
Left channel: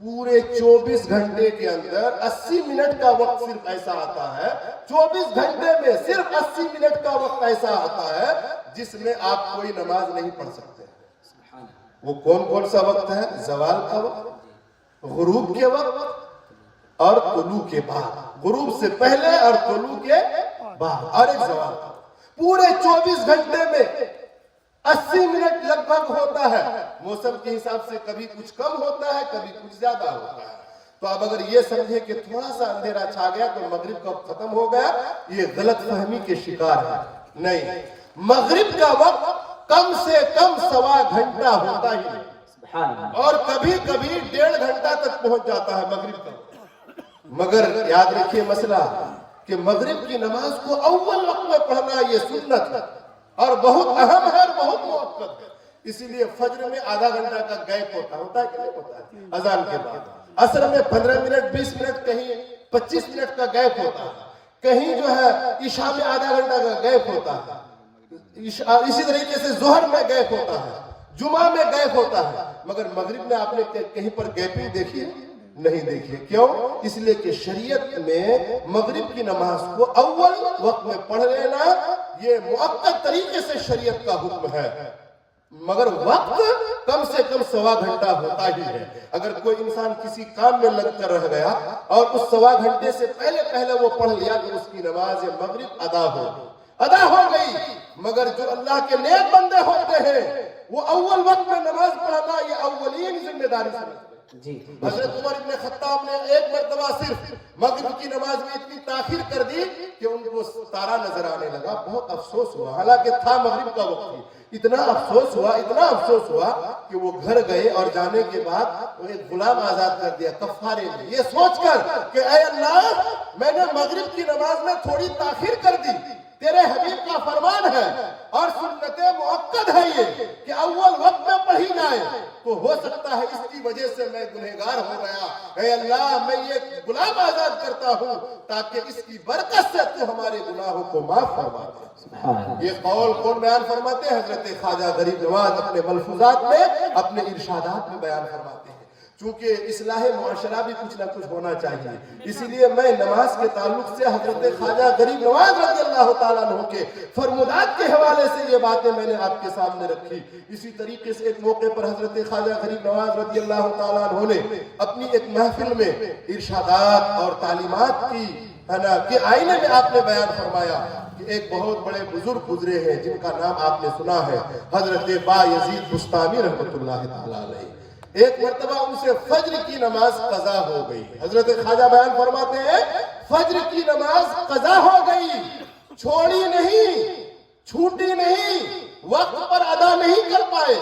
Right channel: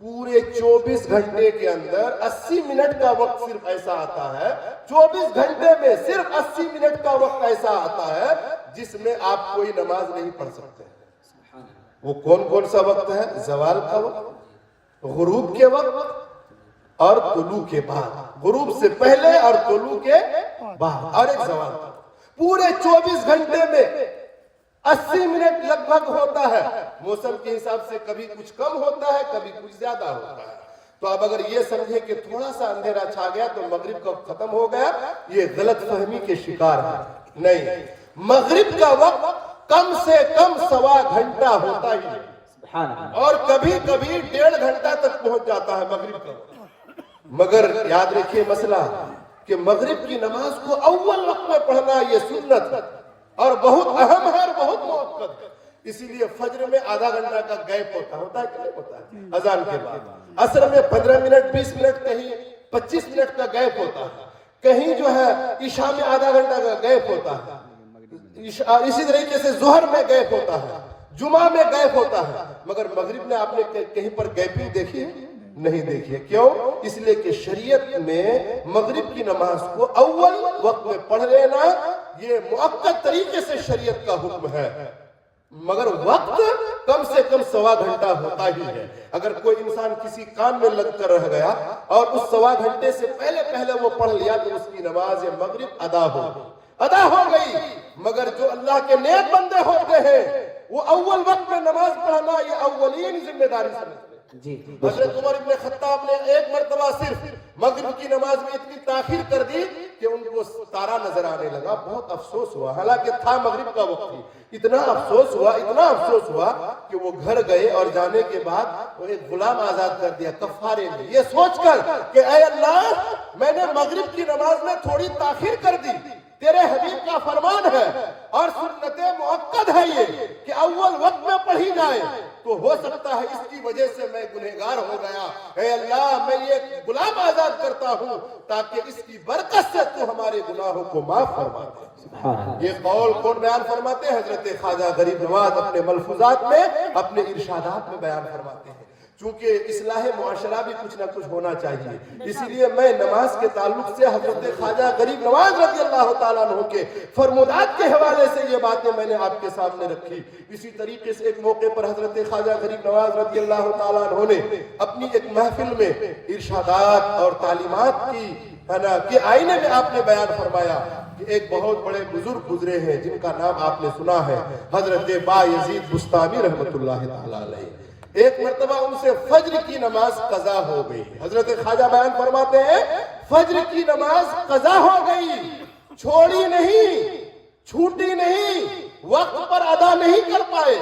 پورے 24 گھنٹے کے اندر 80 منٹ کا وقت صرف ایسا آتا ہے، 24 گھنٹے میں صرف 80 منٹ کا وقت ایسا آتا ہے جس میں آپ کوئی نماز نہیں پڑھ سکتے۔ وہ کون سا وقت ہے؟ زوال کا وقت، غروب کے وقت اور طلوع کے بعد، غروب سے پہلے اور طلوع کے بعد، اور ایک زوال کا۔ پورے 24 گھنٹے میں 80 منٹ لگ بھگ ہوتا ہے، موسم کے حساب سے کبھی کچھ کم ہوتا ہے، کبھی کچھ زیادہ ہوتا ہے۔ تو اب اگر یہ سمجھے کہ تھوڑا سا اندھیرا چھا گیا تو مغرب کا وقت ختم ہو گیا، یہ غلط فہمی کے شکار ہے۔ نہیں، مغرب کا وقت کم سے کم 1.25 گھنٹہ ہوتا ہی ہے اور کبھی کبھی 1.5 گھنٹہ تک پہنچ جاتا ہے مغرب کا وقت۔ مگر یاد رکھیے مسئلہ کہ مغرب کی نماز کو اول وقت میں پڑھنا یہ سنت ہے اور بہت اہم ہے اور بہت موقت ہے۔ اسی لیے فجر میں آدھا گھنٹہ کا گیپ ہوتا ہے کہ نہیں ہوتا ہے اذان کے بعد، عصر میں 15 منٹ 20 منٹ کہیں 25 منٹ کا گیپ ہوتا ہے، کہیں جو ہے عشاء میں آدھا گھنٹہ کا گیپ ہوتا ہے۔ اسی طریقے سے ظہر میں گیپ ہوتا ہے, جمعہ میں گیپ ہوتا ہے, مگر مغرب میں آپ نے کہیں پر گیپنگ دیکھی ہے؟ نہیں دیکھی ہے. کیوں؟ اس لیے کہ شریعت میں مغرب کی نماز کو اول وقت میں پڑھ لینا یہ مؤکد طریقے سے شریعت کا حکم ہے, مگر وقت کم سے کم 1.25 گھنٹہ ہوتا ہی ہے. اگر کوئی انسان کسی کام میں لگ کر رہ گیا اور اس 1.25 گھنٹے سے پہلے وہ پڑھ لیا تو اس کی نماز مغرب ادا ہو گئی. مگر جو اللہ کے نیک بندے ہوتے ہیں وہ اول وقت میں نماز پڑھنا یہ اولین ذمہ داری سمجھتے ہیں. جی حضرت عمر ابن خطاب نے ایک مرتبہ صرف مغرب کی نماز میں اتنی تاخیر کر دی کہ ان کو تارا نظر آنے لگا. بہت افسوس ہوا, حالانکہ تھا مغرب کا وقت ہی. اتنا افسوس ہوا کہ وہ گھر گئے اور جانے کے بعد وہ ایک غلام آزاد کر دیا کفارے میں, یہ سوچ کر کہ اے اللہ میں نے مغرب کی نماز میں تھوڑی تاخیر کر دی, تیرے حبیب کا فرمان ہے اور سنت مؤکد ہے یہ کہ اول وقت میں پڑھی جائے, تو ہو سکتا ہے اس کی وجہ سے میں گنہگار ہو گیا. اے اللہ میں یہ غلام آزاد کرتا ہوں تاکہ اس کی برکت سے تو ہمارے گناہوں کو معاف فرما دے. یہ قول کون بیان فرماتے ہیں؟ حضرت خواجہ غریب نواز اپنے ملفوظات میں, اپنے ارشادات میں بیان فرماتے ہیں. چونکہ اصلاح معاشرہ بھی کچھ نہ کچھ ہونا چاہیے, اسی لیے میں نماز کے تعلق سے حضرت خواجہ غریب نواز رضی اللہ تعالیٰ عنہ کے فرمودات کے حوالے سے یہ باتیں میں نے آپ کے سامنے رکھی. اسی طریقے سے ایک موقع پر حضرت خواجہ غریب نواز رضی اللہ تعالیٰ عنہ نے اپنی ایک محفل میں ارشادات اور تعلیمات کے آئینے میں آپ نے بیان فرمایا کہ ایک بہت بڑے بزرگ گزرے ہیں جن کا نام آپ نے سنا ہے, حضرت بایزید بستامی رحمۃ اللہ تعالیٰ علیہ. ایک مرتبہ ان سے فجر کی نماز قضا ہو گئی. حضرت خواجہ بیان فرماتے ہیں فجر کی نماز قضا ہو گئی, چھوڑی نہیں, چھوٹی نہیں, وقت پر ادا نہیں کر پائے.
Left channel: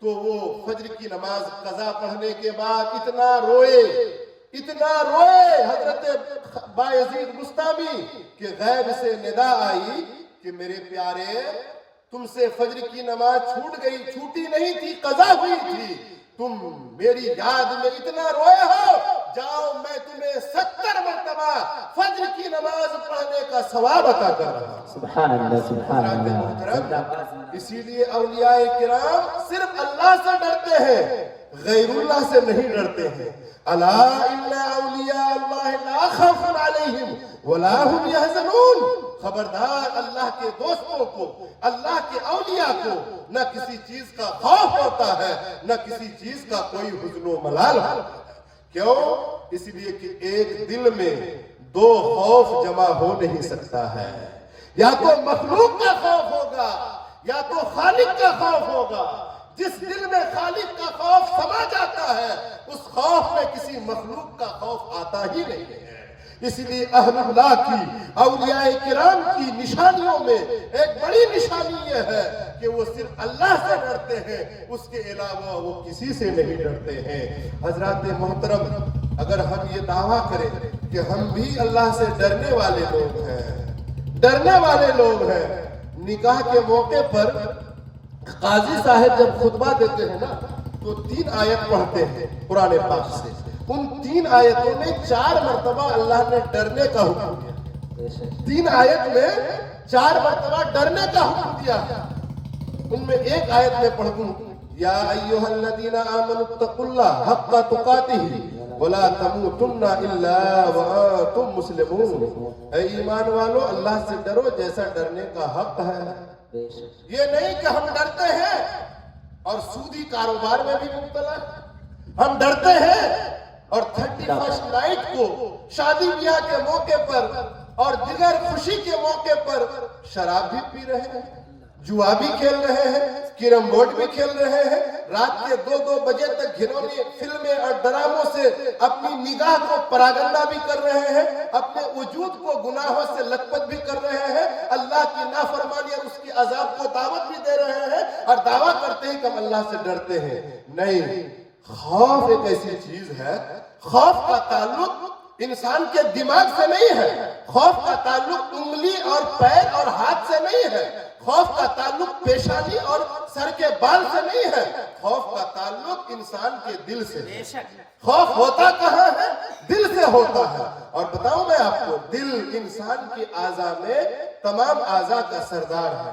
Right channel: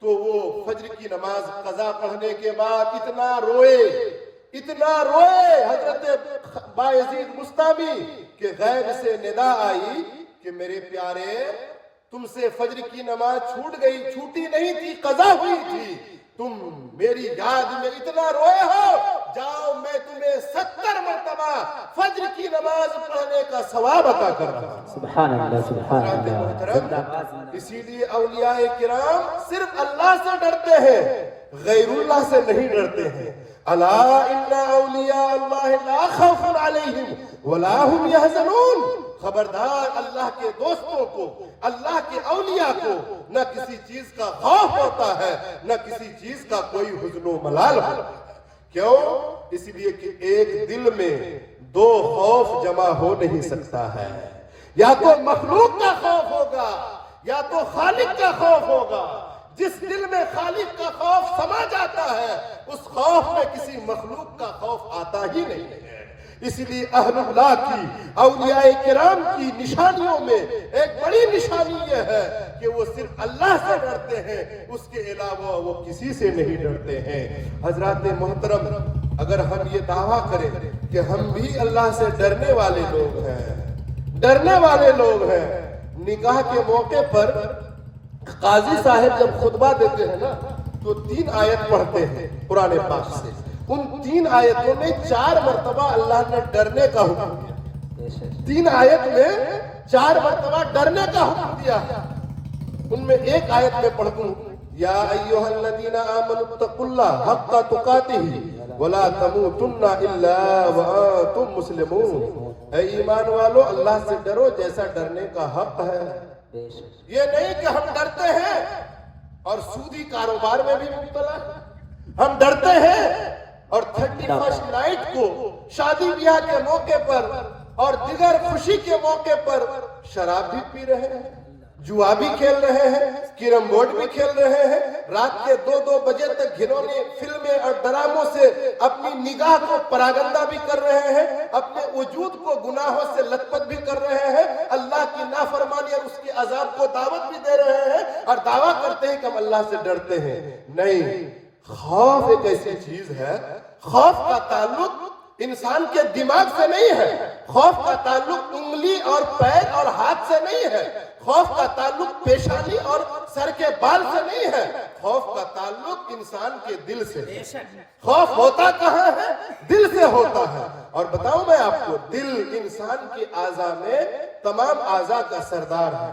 تو وہ فجر کی نماز قضا پڑھنے کے بعد اتنا روئے حضرت بایزید بستامی کہ غیب سے ندا آئی کہ میرے پیارے تم سے فجر کی نماز چھوٹ گئی, چھوٹی نہیں تھی, قضا ہوئی تھی, تم میری یاد میں اتنا روئے ہو, جاؤ میں تمہیں 70 مرتبہ فجر کی نماز پڑھنے کا ثواب عطا کر رہا ہوں. سبحان اللہ, سبحان اللہ. اسی لیے اولیاء کرام صرف اللہ سے ڈرتے ہیں, غیر اللہ سے نہیں ڈرتے ہیں. الا ان اولیاء اللہ لا خوف علیہم ولا هم يحزنون. خبردار اللہ کے دوستوں کو, اللہ کے اولیاء کو نہ کسی چیز کا خوف ہوتا ہے, نہ کسی چیز کا کوئی حزن و ملال ہوتا ہے. کیوں؟ اس لیے کہ ایک دل میں 2 خوف جمع ہو نہیں سکتا ہے, یا تو مخلوق کا خوف ہوگا یا تو خالق کا خوف ہوگا. جس دل میں خالق کا خوف سما جاتا ہے اس خوف میں کسی مخلوق کا خوف آتا ہی نہیں ہے. اسی لیے اہل اللہ کی, اولیاء کرام کی نشانیوں میں ایک بڑی نشانی یہ ہے کہ وہ صرف اللہ سے ڈرتے ہیں, اس کے علاوہ وہ کسی سے نہیں ڈرتے ہیں. حضرات محترم, اگر ہم یہ دعویٰ کریں کہ ہم بھی اللہ سے ڈرنے والے لوگ ہیں, نکاح کے موقع پر قاضی صاحب جب خطبہ دیتے ہیں نا تو 3 آیت پڑھتے ہیں قرآن پاک سے. ان 3 آیتوں میں 4 مرتبہ اللہ نے ڈرنے کا حکم دیا. 3 آیت میں 4 مرتبہ ڈرنے کا حکم دیا. ان میں ایک آیت میں پڑھ دوں, یا ایھا الذین آمنوا اتقوا اللہ حق تقاتہ ولا تموتن الا وانتم مسلمون. اے ایمان والو اللہ سے ڈرو جیسا ڈرنے کا حق ہے. یہ نہیں کہ ہم ڈرتے ہیں اور سودی کاروبار میں بھی مبتلا, ہم ڈرتے ہیں اور 31 نائٹ کو شادی بیاہ کے موقع پر اور دیگر خوشی کے موقع پر شراب بھی پی رہے ہیں, جوا بھی کھیل رہے ہیں, کیرم بورڈ بھی کھیل رہے ہیں, رات کے 2-2 بجے تک گھنونے فلمیں اور ڈراموں سے اپنی نگاہ کو پراگندہ بھی کر رہے ہیں, اپنے وجود کو گناہوں سے لت پت بھی کر رہے ہیں, اللہ کی نافرمانی اور اس کے عذاب کو دعوت بھی دے رہے ہیں اور دعویٰ کرتے ہیں کہ ہم اللہ سے ڈرتے ہیں. نہیں, خوف ایک ایسی چیز ہے, خوف کا تعلق انسان کے دماغ سے نہیں ہے, خوف کا تعلق انگلی اور پیر اور ہاتھ سے نہیں ہے, خوف کا تعلق پیشانی اور سر کے بال سے نہیں ہے, خوف کا تعلق انسان کے دل سے. خوف ہوتا کہاں ہے؟ دل سے ہوتا ہے. اور بتاؤں میں آپ کو, دل انسان کے اعضاء میں تمام اعضاء کا سردار ہے.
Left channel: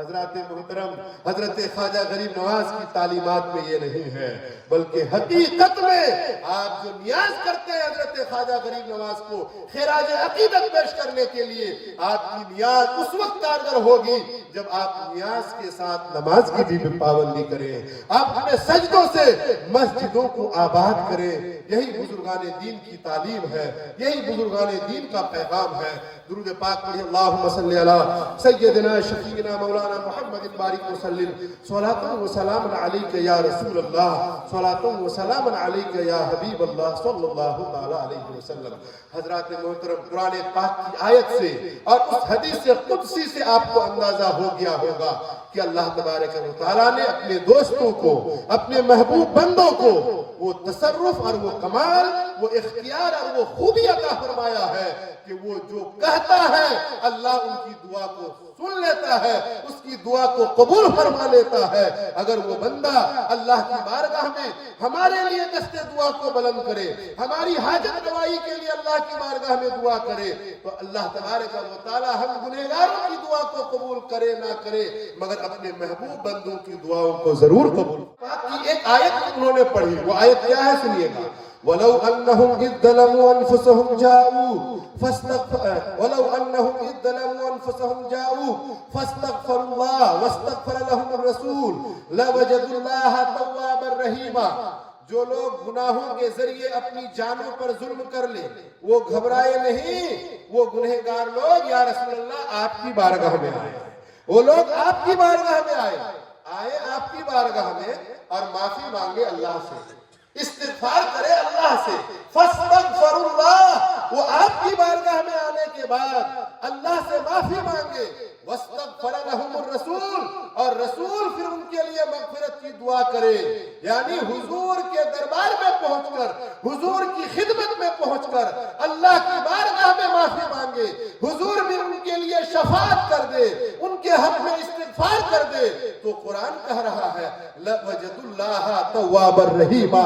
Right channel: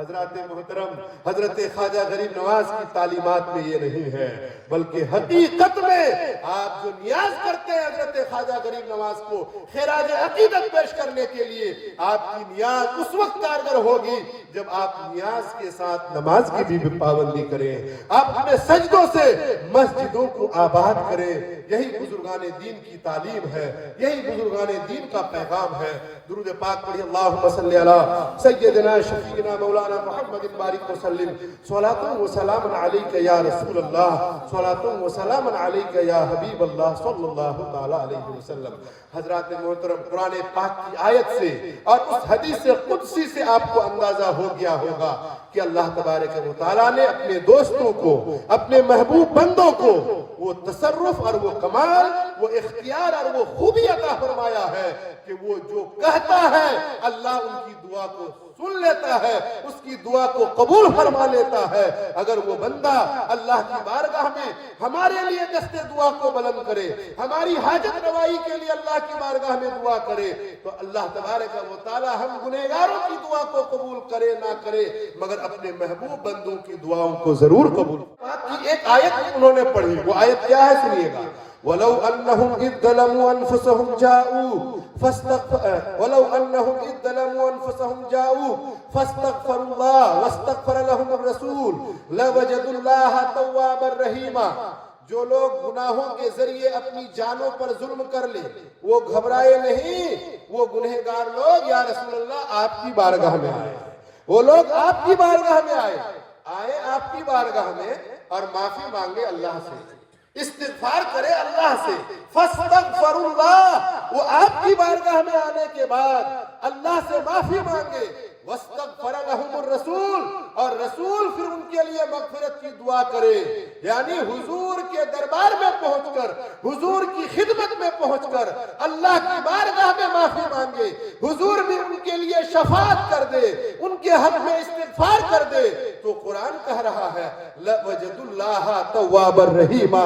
حضرات محترم حضرت خواجہ غریب نواز کی تعلیمات میں یہ نہیں ہے، بلکہ حقیقت میں آپ جو نیاز کرتے ہیں حضرت خواجہ غریب نواز کو خراج عقیدت پیش کرنے کے لیے، آپ کی نیاز اس وقت کارگر ہوگی جب آپ نیاز کے ساتھ نماز کی بھی پابندی کریں، آپ اپنے سجدوں سے مسجدوں کو آباد کریں۔ یہی بزرگان دین کی تعلیم ہے، یہی بزرگان دین کا پیغام ہے۔ درود پاک پڑھی، اللہم صلی علی سیدنا شفیعنا مولانا محمد بارک وسلم، صلاۃ و سلام علیک یا رسول اللہ، صلاۃ و سلام علیک یا حبیب اللہ صلی اللہ تعالی علیہ وسلم۔ حضرات محترم، قرآن پاک کی آیت سے اور اس حدیث قدسی سے آپ کو اندازہ ہو گیا ہوگا کہ اللہ تبارک و تعالیٰ نے اپنے دوستوں کو، اپنے محبوب بندوں کو وہ تصرف اور وہ کمال، وہ اختیار اور وہ خوبی عطا فرمایا ہے کہ وہ جو کہتا ہے اللہ ان کی دعا کو سن لیتا ہے، اس کی دعا کو قبول فرما لیتا ہے۔ اگر وہ بندہ اللہ کی بارگاہ میں ہمارے لیے دست دعا کو بلند کرے، ہماری حاجت روائی کے لیے اللہ کی بارگاہ میں دعا کرے، تو اللہ تبارک و تعالی ہم گنہگاروں کی دعا کو قبول کرے نہ کرے، مگر اپنے محبوب بندوں کی دعاؤں کو ضرور قبول۔ پاک کی ایک آیت انہوں نے پڑھی، وہ آیت کیا ہے سنیے گا، وَلَوْ أَنَّهُمْ إِذْ ظَلَمُوا أَنفُسَهُمْ جَاءُوا فَاسْتَغْفَرُوا اللَّهَ وَاسْتَغْفَرَ لَهُمُ الرَّسُولُ لَوَجَدُوا اللَّهَ تَوَّابًا رَحِيمًا۔ جو لوگ گناہوں کے ذریعے اپنی جانوں پر ظلم کر لے، وہ گھبرائے نہیں، وہ گنہگار لوگ یا رسول اللہ آپ کی بارگاہ میں آئے، وہ لوگ آپ کی بارگاہ میں آئے آپ کی بارگاہ میں اور معافی مانگے اللہ سے، استغفار کرے اللہ سے، فاستغفر اللہ، وہ آپ کی بارگاہ میں آنے کے بعد اللہ سے معافی مانگے، واستغفر لهم الرسول، اور رسول پھر ان کے لیے مغفرت کی دعا کرے، یعنی حضور کے دربار میں پہنچ کر، حضور کی خدمت میں پہنچ کر اللہ کی بارگاہ میں معافی مانگے، حضور بھی ان کے لیے شفاعت کر دے، ان کے حق میں استغفار کر دے، تو قرآن کہہ رہا ہے لَوَجَدُوا اللَّهَ تَوَّابًا رَحِيمًا،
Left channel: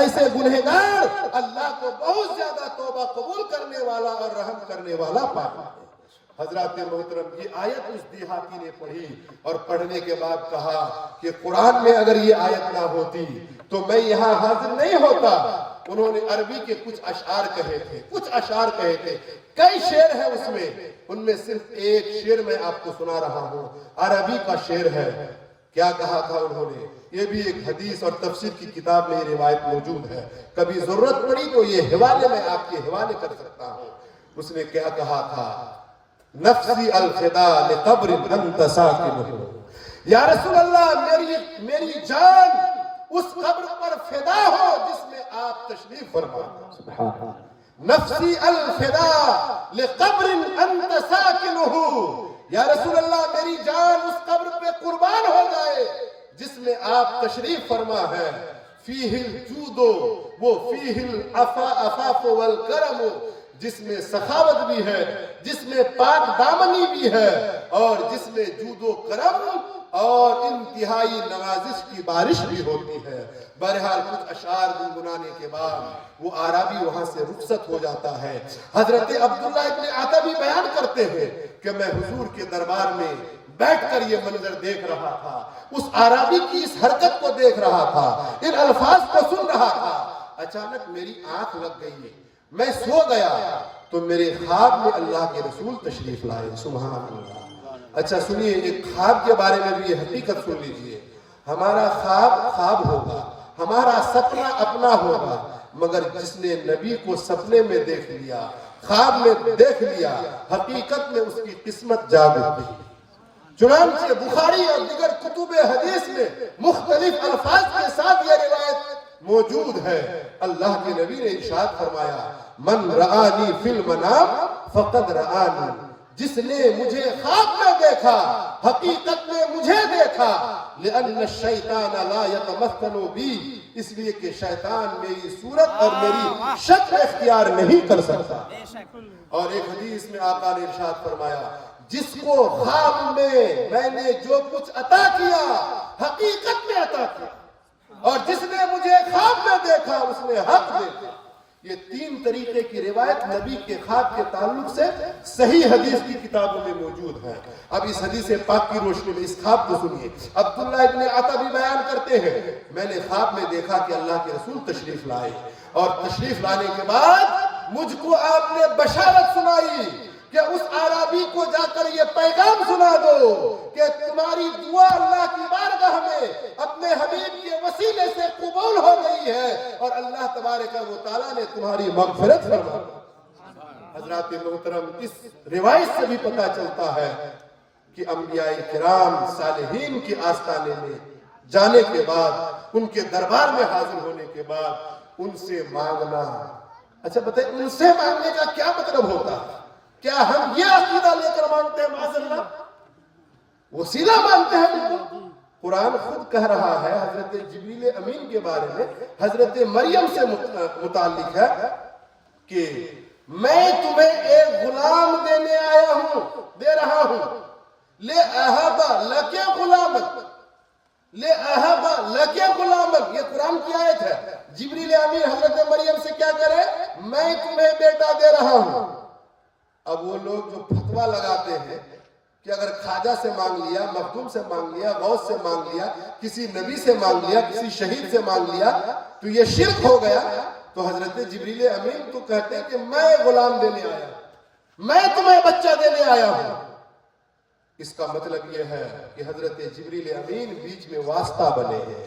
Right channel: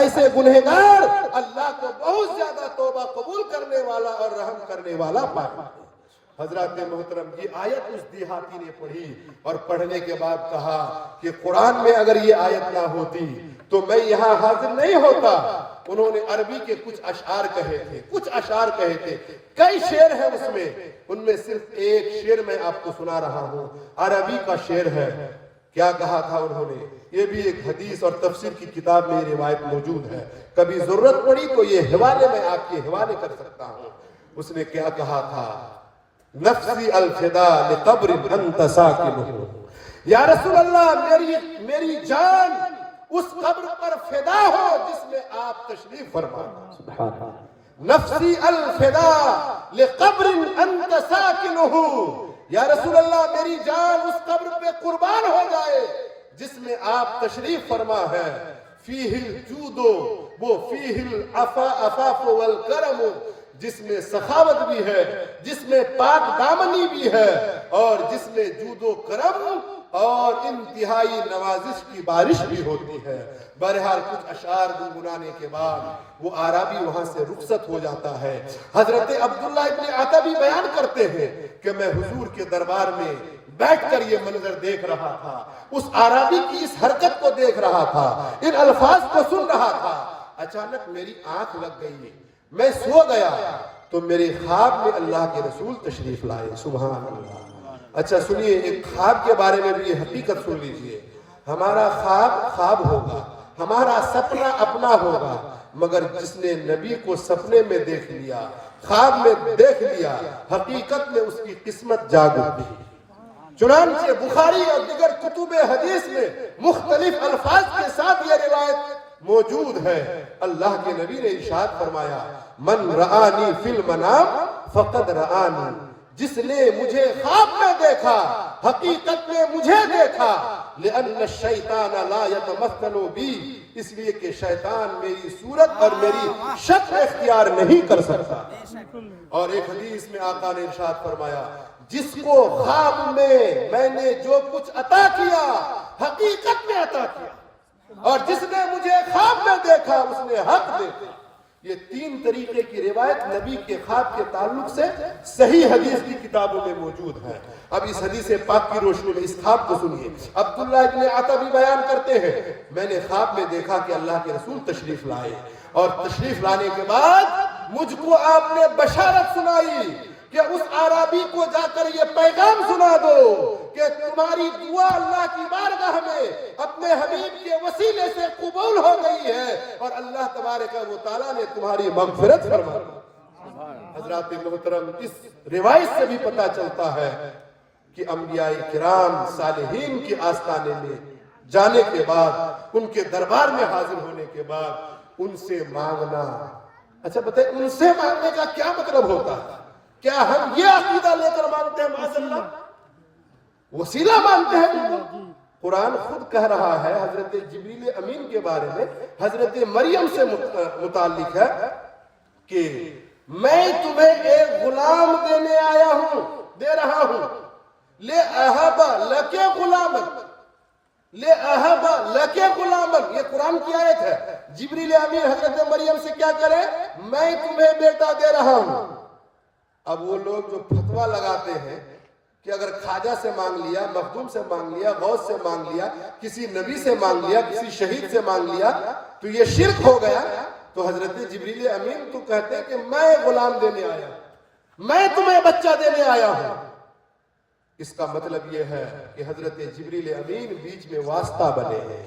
ایسے گنہگار اللہ کو بہت زیادہ توبہ قبول کرنے والا اور رحم کرنے والا پاتا ہے۔ حضرات محترم، یہ آیت اس دیہاتی نے پڑھی اور پڑھنے کے بعد کہا کہ قرآن میں اگر یہ آیت نہ ہوتی تو میں یہاں حاضر نہیں ہوتا۔ انہوں نے عربی کے کچھ اشعار کہے تھے، کئی شعر ہیں اس میں، ان میں صرف ایک شعر میں آپ کو سنا رہا ہوں، عربی کا شعر ہے۔ کیا کہا تھا انہوں نے؟ یہ بھی ایک حدیث اور تفسیر کی کتاب میں یہ روایت موجود ہے، کبھی ضرورت پڑی تو یہ حوالے میں آپ کے حوالے کر سکتا ہوں۔ اس نے کیا کہا تھا؟ نفسی الفدا لقبر انت ساکنہ، یا رسول اللہ میری جان اس قبر پر فدا ہو جس میں آپ تشریف فرما۔ نفسی الفدا لقبر انت ساکنہ، یا رسول اللہ میری جان اس قبر پہ قربان ہو جائے جس میں آپ تشریف فرما ہے۔ فیہ الجود وہ فیہ العفاف والکرم، جس میں سخاوت بھی ہے، جس میں پاک دامنی بھی ہے، اور جس میں جود و کرم اور انتہائی نوازش کی بارش بھی ہوتی ہے۔ بہرحال کچھ اشعار گنگنانے کے بعد وہ عربی وہاں سے رخصت ہو جاتا ہے۔ حضرت عبداللہ ابن عتبی بیان کرتے ہیں کہ میں حضور کے دربار میں بیٹھ کر یہ منظر دیکھ رہا تھا، اس عربی کی اس حرکت کو دیکھ رہا تھا، ان الفاظ کو سن رہا تھا، اچانک میری آنکھ لگ گئی، میں سو گیا تو میرے خواب میں اللہ کے رسول تشریف لائے۔ سبحان اللہ۔ اچھا سنیے، ایک خواب کے بارے میں بھی یہ حقیقت سن لیجئے، ہمارا خواب ہوگا، ہمارا سپنا اپنا ہوگا، مگر جس نے نبی کو سپنے میں دیکھ لیا، خواب میں دیکھ لیا، حقیقت میں اس کی قسمت جاگ اٹھی۔ چنانچہ بخاری اور دیگر کتب حدیث میں مختلف الفاظ کے ساتھ یہ روایت موجود ہے۔ اللہ کے نبی نے ارشاد فرمایا، من رآنی فی المنام فقد رآنی، جس نے مجھے خواب میں دیکھا حقیقت میں مجھے دیکھا، لأن الشیطان لا یتمثل بی، اس لیے کہ شیطان میری صورت اور میری شکل اختیار نہیں کر سکتا۔ اور ایک حدیث میں آقا نے ارشاد فرمایا، جس کو خواب میں نے جو کچھ عطا کیا حقیقت میں عطا کیا، اور جس نے مجھے خواب میں دیکھا اس نے حق دیکھا۔ یہ 3 طریقے کی روایت نبی کے خواب کے تعلق سے صحیح حدیث کی کتابوں میں موجود ہے۔ اب اس حدیث پاک کی روشنی میں اس خواب کو سنیے۔ عبداللہ ابن عطا بھی بیان کرتے ہیں، میں نے خواب میں دیکھا کہ اللہ کے رسول تشریف لائے، اور تشریف لانے کے بعد مجھ کو آپ نے بشارت سنائی کہ اس عربی کو جا کر یہ پیغام سنا دو کہ تمہاری دعا اللہ کی بارگاہ میں اپنے حبیب کے وسیلے سے قبول ہو گئی ہے، اور اللہ تبارک و تعالیٰ نے تمہاری مغفرت فرما دی۔ حضرات محترم، اس روایت سے بھی پتہ چلتا ہے کہ انبیاء کرام صالحین کی آستانے میں جانے کے بعد، ان کے دربار میں حاضر ہونے کے بعد ان سے مانگنا، اچھا بتائیں ان سے مانگنے کا کیا مطلب ہوتا ہے؟ کیا ہم یہ عقیدہ لے کر مانتے ہیں معاذ اللہ وسیلہ مانتے ہیں ان کو؟ قرآن خود کہہ رہا ہے حضرت جبریل امین کے بارے میں، حضرت مریم سے متعلق ہے کہ میں تمہیں ایک غلام دینے آیا ہوں، دے رہا ہوں، لے اہبا لکے غلامک، لے اہبا لکے غلامک، یہ قرآن کی آیت ہے۔ جبریل امین حضرت مریم سے کیا کرے؟ میں تمہیں بیٹا دے رہا ہوں۔ اب وہ لوگ جو فتویٰ لگاتے ہیں کہ اگر خواجہ سے مانگ لیا، مخدوم سے مانگ لیا، غوث سے مانگ لیا، کسی نبی سے مانگ لیا، کسی شہید سے مانگ لیا تو یہ شرک ہو گیا، تو حضرت جبریل امین تو کہتے ہیں کہ میں غلام دینے آیا ہوں، میں تمہیں بچہ دینے آیا ہوں۔ اس کا مطلب یہ ہے کہ حضرت جبریل امین بیچ میں واسطہ بنے ہیں،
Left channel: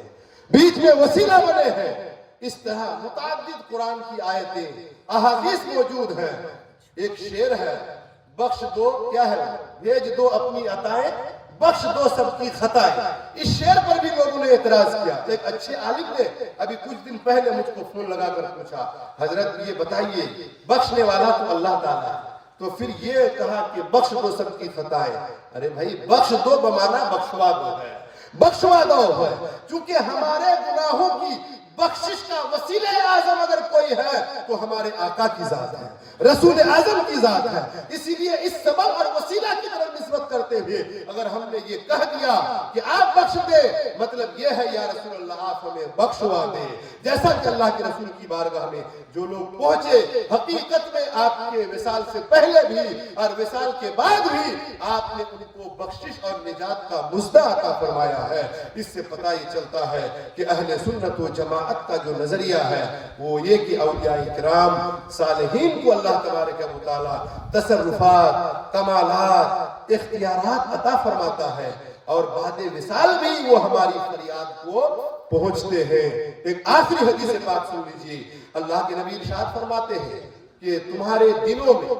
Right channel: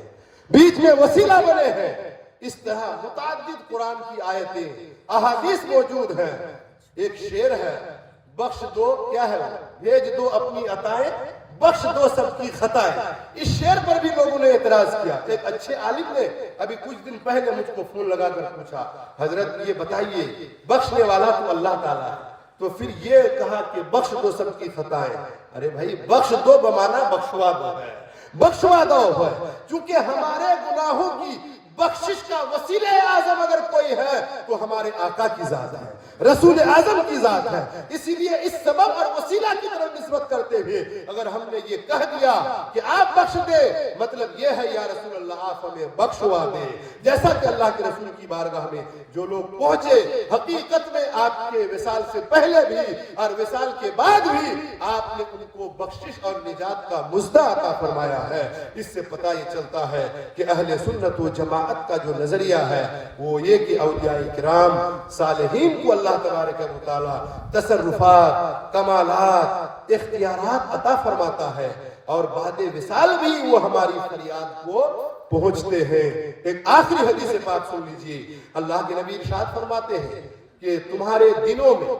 بیچ میں وسیلہ بنے ہیں۔ اس طرح متعدد قرآن کی آیتیں، احادیث موجود ہیں۔ ایک شعر ہے، بخش دو، کیا ہے، بھیج دو اپنی عطائیں، بخش دو سب کی خطائیں۔ اس شعر پر بھی لوگوں نے اعتراض کیا۔ ایک اچھے عالم نے ابھی کچھ دن پہلے مجھ کو فون لگا کر پوچھا، حضرت یہ بتائیے بخشنے والا تو اللہ تعالیٰ ہے، تو پھر یہ کہا کہ بخش دو سب کی خطائیں۔ ارے بھائی، بخش دو بمانا بخشوا دو ہے، بخشوا دو ہے، چونکہ ہمارے گناہوں کی بخشش کا وسیلہ اعظم اگر کوئی ہے تو ہمارے آقا کی ذات ہے، رسول اعظم کی ذات ہے۔ اسی لیے اس سبب اور وسیلہ کی طرف نسبت کرتے ہوئے اگر ہم نے یہ کہہ دیا کہ آپ بخش دے، مطلب یہ ہے یا رسول اللہ آپ ہمیں بخشوا دے۔ جیسا کہ اللہ کے رسول کی بارگاہ میں جو لوگ پہنچے، حقیقت میں آپ کے وصال سے پہلے بھی اور وصال کے بعد بھی آپ نے ان کو بخشش اور نجات کا مژدہ عطا فرمایا ہے۔ اس سے پتہ یہ چلتا ہے کہ اہل سنت و جماعت کا جو نظریہ ہے وہ یہ کہ اولیاء کرام صالحین کو اللہ تبارک و تعالی تصرفات، کمالات، اختیارات عطا فرماتا ہے، اور بعد وصال بھی وہ ہماری فریاد کو پہنچتے ہیں۔ ایک آخری حدیث پاک سن لیجئے، اللہ کے نبی ارشاد فرماتے ہیں کہ تمہارے دنوں میں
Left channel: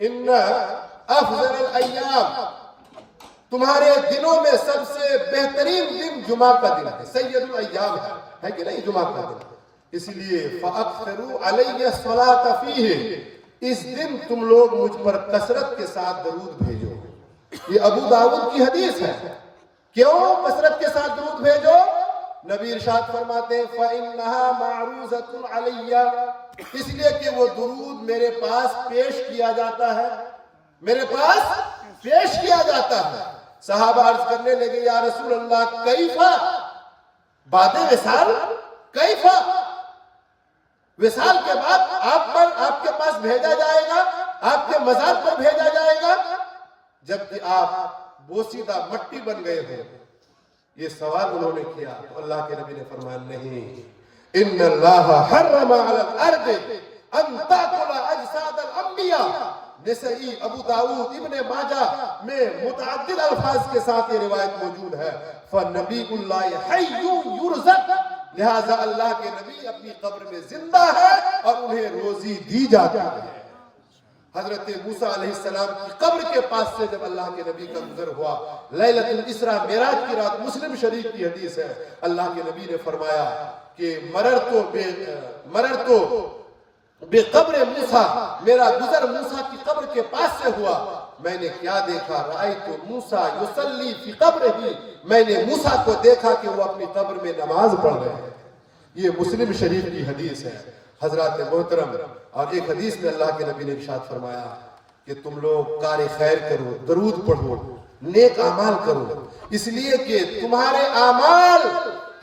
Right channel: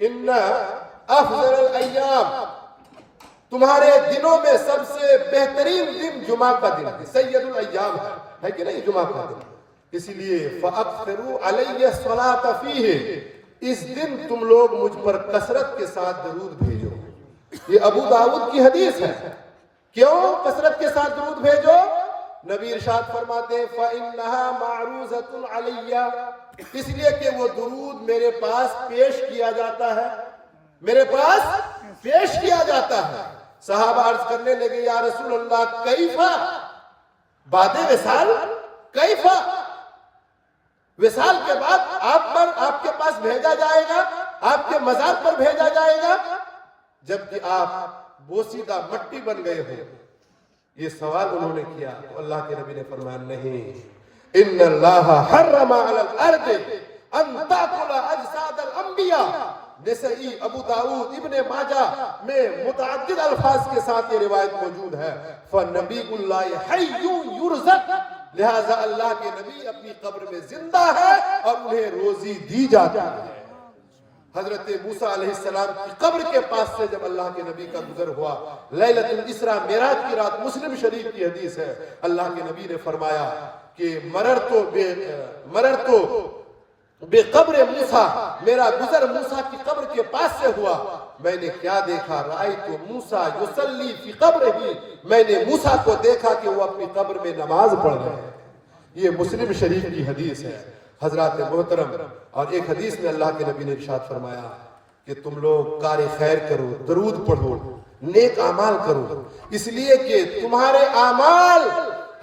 ان افضل الایام، تمہارے دنوں میں سب سے بہترین دن جمعہ کا دن ہے، سید الایام ہے کہ نہیں جمعہ کا دن، اس لیے فَأَكْثِرُوا عَلَيَّ الصَّلَاةَ فِيهِ، اس دن تم لوگ مجھ پر کثرت کے ساتھ درود بھیجو۔ یہ ابو داؤد کی حدیث ہے۔ کیوں کثرت کے ساتھ درود بھیجو؟ نبی ارشاد فرماتے ہیں فَإِنَّهَا مَعْرُوزَةٌ عَلَيَّ، اس لیے کہ وہ درود میرے پاس پیش کیا جاتا ہے، میرے پاس پیش کیا جاتا ہے۔ صحابہ عرض کرنے لگے یا رسول اللہ کیفا، بعد وصال کیفا، وصال کے بعد آپ کے پاس بھیجا جائے گا، آپ کے مزار پر بھیجا جائے گا جبکہ آپ بوسیدہ مٹی بن گئے ہو؟ یہ سوال انہوں نے کیا تو اللہ کے نبی نے فرمایا نہیں، ان اللہ حرم علی الارض ان تاکل اجساد الانبیاء۔ نسائی، ابو داؤد، ابن ماجہ میں متعدد الفاظ کے ساتھ یہ روایت موجود ہے، فنبی اللہ حی یرزق، لہذا اللہ کے نبی اپنی قبر میں زندہ ہے اور انہیں روزی دی جاتی ہے۔ حضرت موسیٰ علیہ السلام کی قبر کے پاس سے جب اللہ کے نبی کا گزر ہوا، لیلۃ الاسراء معراج کی رات، مسلم شریف کی حدیث ہے، اللہ کے نبی نے فرمایا کہ مررتو بے قبر موسیٰ، میرا گزر موسیٰ کی قبر کے پاس سے ہوا، میں نے کیا دیکھا؟ رأیت موسیٰ یصلی فی قبرہ، میں نے موسیٰ کو دیکھا کہ وہ اپنی قبر میں نماز پڑھ رہے ہیں۔ یہ مسلم شریف کی حدیث ہے۔ حضرات محترم، اور ایک حدیث میں اللہ کے نبی نے ارشاد فرمایا کہ تم لوگ کار خیر کرو، درود پڑھو، نیک اعمال کرو، اس لیے کہ تمہارے اعمال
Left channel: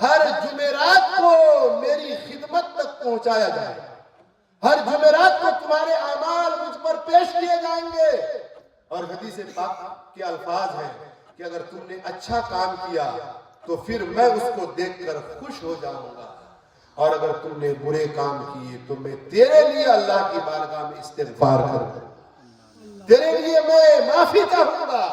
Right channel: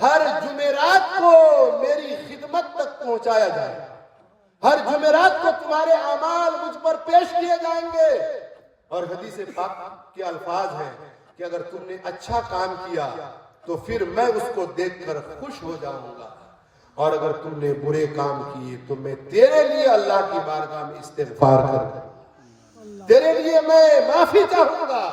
ہر جمعرات کو میری خدمت تک پہنچایا جائے۔ ہر جمعرات کو تمہارے اعمال مجھ پر پیش کیے جائیں گے. اور حدیث پاک کے الفاظ ہیں کہ اگر تم نے اچھا کام کیا تو پھر میں اس کو دیکھ کر خوش ہو جاؤں گا، اور اگر تم نے برے کام کیے تو میں تیرے لیے اللہ کی بارگاہ میں استغفار کروں گا، تیرے لیے میں معافی چاہوں گا.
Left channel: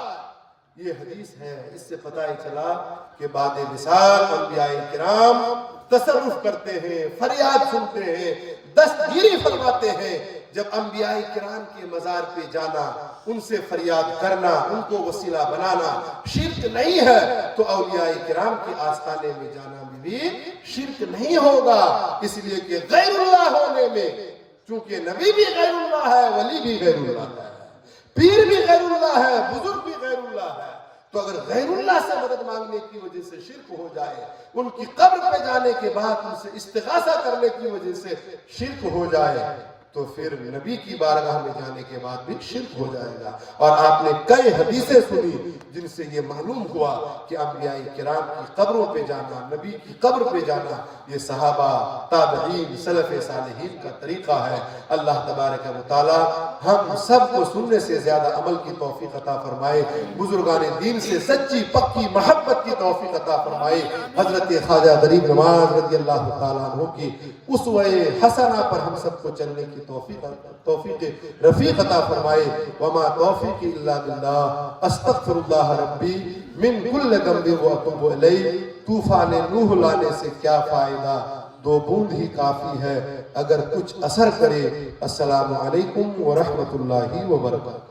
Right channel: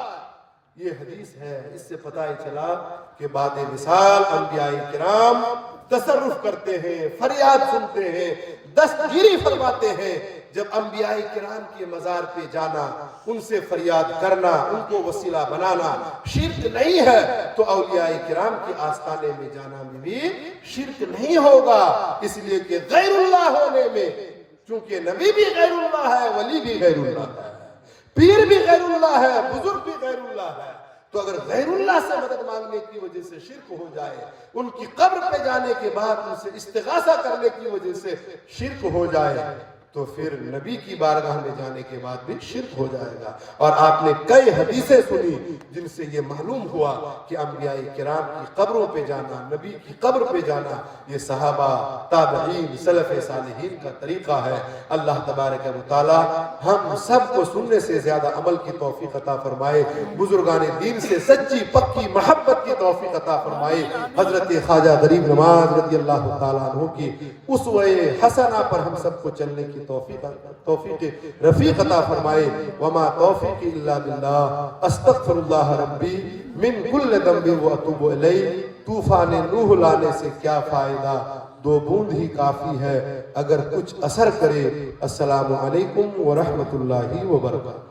یہ حدیث ہے. اس سے پتہ چلا کہ بعد مثال انبیاء کرام تصرف کرتے ہیں، فریاد سنتے ہیں، دستگیری فرماتے ہیں. جب انبیاء کرام کے مزار پہ جانا، ان سے فریاد کرنا، ان کو وسیلہ بنانا شرک نہیں ہے، تو اولیاء کرام کے آستانے میں جانا میں بھی شرک نہیں ہوگا. اس لیے کہ غیر اللہ ہونے میں، چونکہ نبی بھی غیر اللہ ہے، ولی بھی غیر اللہ ہے، پیر بھی غیر اللہ ہے، بزرگ بھی غیر اللہ ہے، تو اگر غیر اللہ سے مدد مانگنے کی وجہ سے شرک ہو جائے، ان کی قبر پہ جانے کے بعد ان سے استغاثہ کرنے کی وجہ سے شرک ہو جائے، تو پھر نبی کی بارگاہ میں جانے کے بعد بھی شرک ہو جائے گا. اور آپ نے کئی حدیثیں سنی جن سے یہ معلوم ہوا کہ انبیاء کرام کی قبروں پہ جانا، نبی کی قبر پہ جانا، یہ صحابہ، تابعین، سلف صالحین کا طریقہ ہے. اللہ تبارک و تعالی ہم سب کو سننے سے زیادہ عمل کی توفیق عطا فرمائے، بزرگان دین سے سچی پکی محبت کی توفیق عطا فرمائے. حضرت خواجہ غریب نواز رضی اللہ تعالیٰ عنہ کی اسوہ حسنہ پر ہم سب کو چلنے کی توفیق رفیق عطا فرمائے. وما توفیق الا باللہ، استغفر اللہ ربی من کل ذنب واتوب الیہ. طوفان نوح لانے سے کیا فائدہ، 2 بوند ہی کافی ہے اگر کچھ اثر کرے. السلام علیکم ورحمۃ اللہ وبرکاتہ.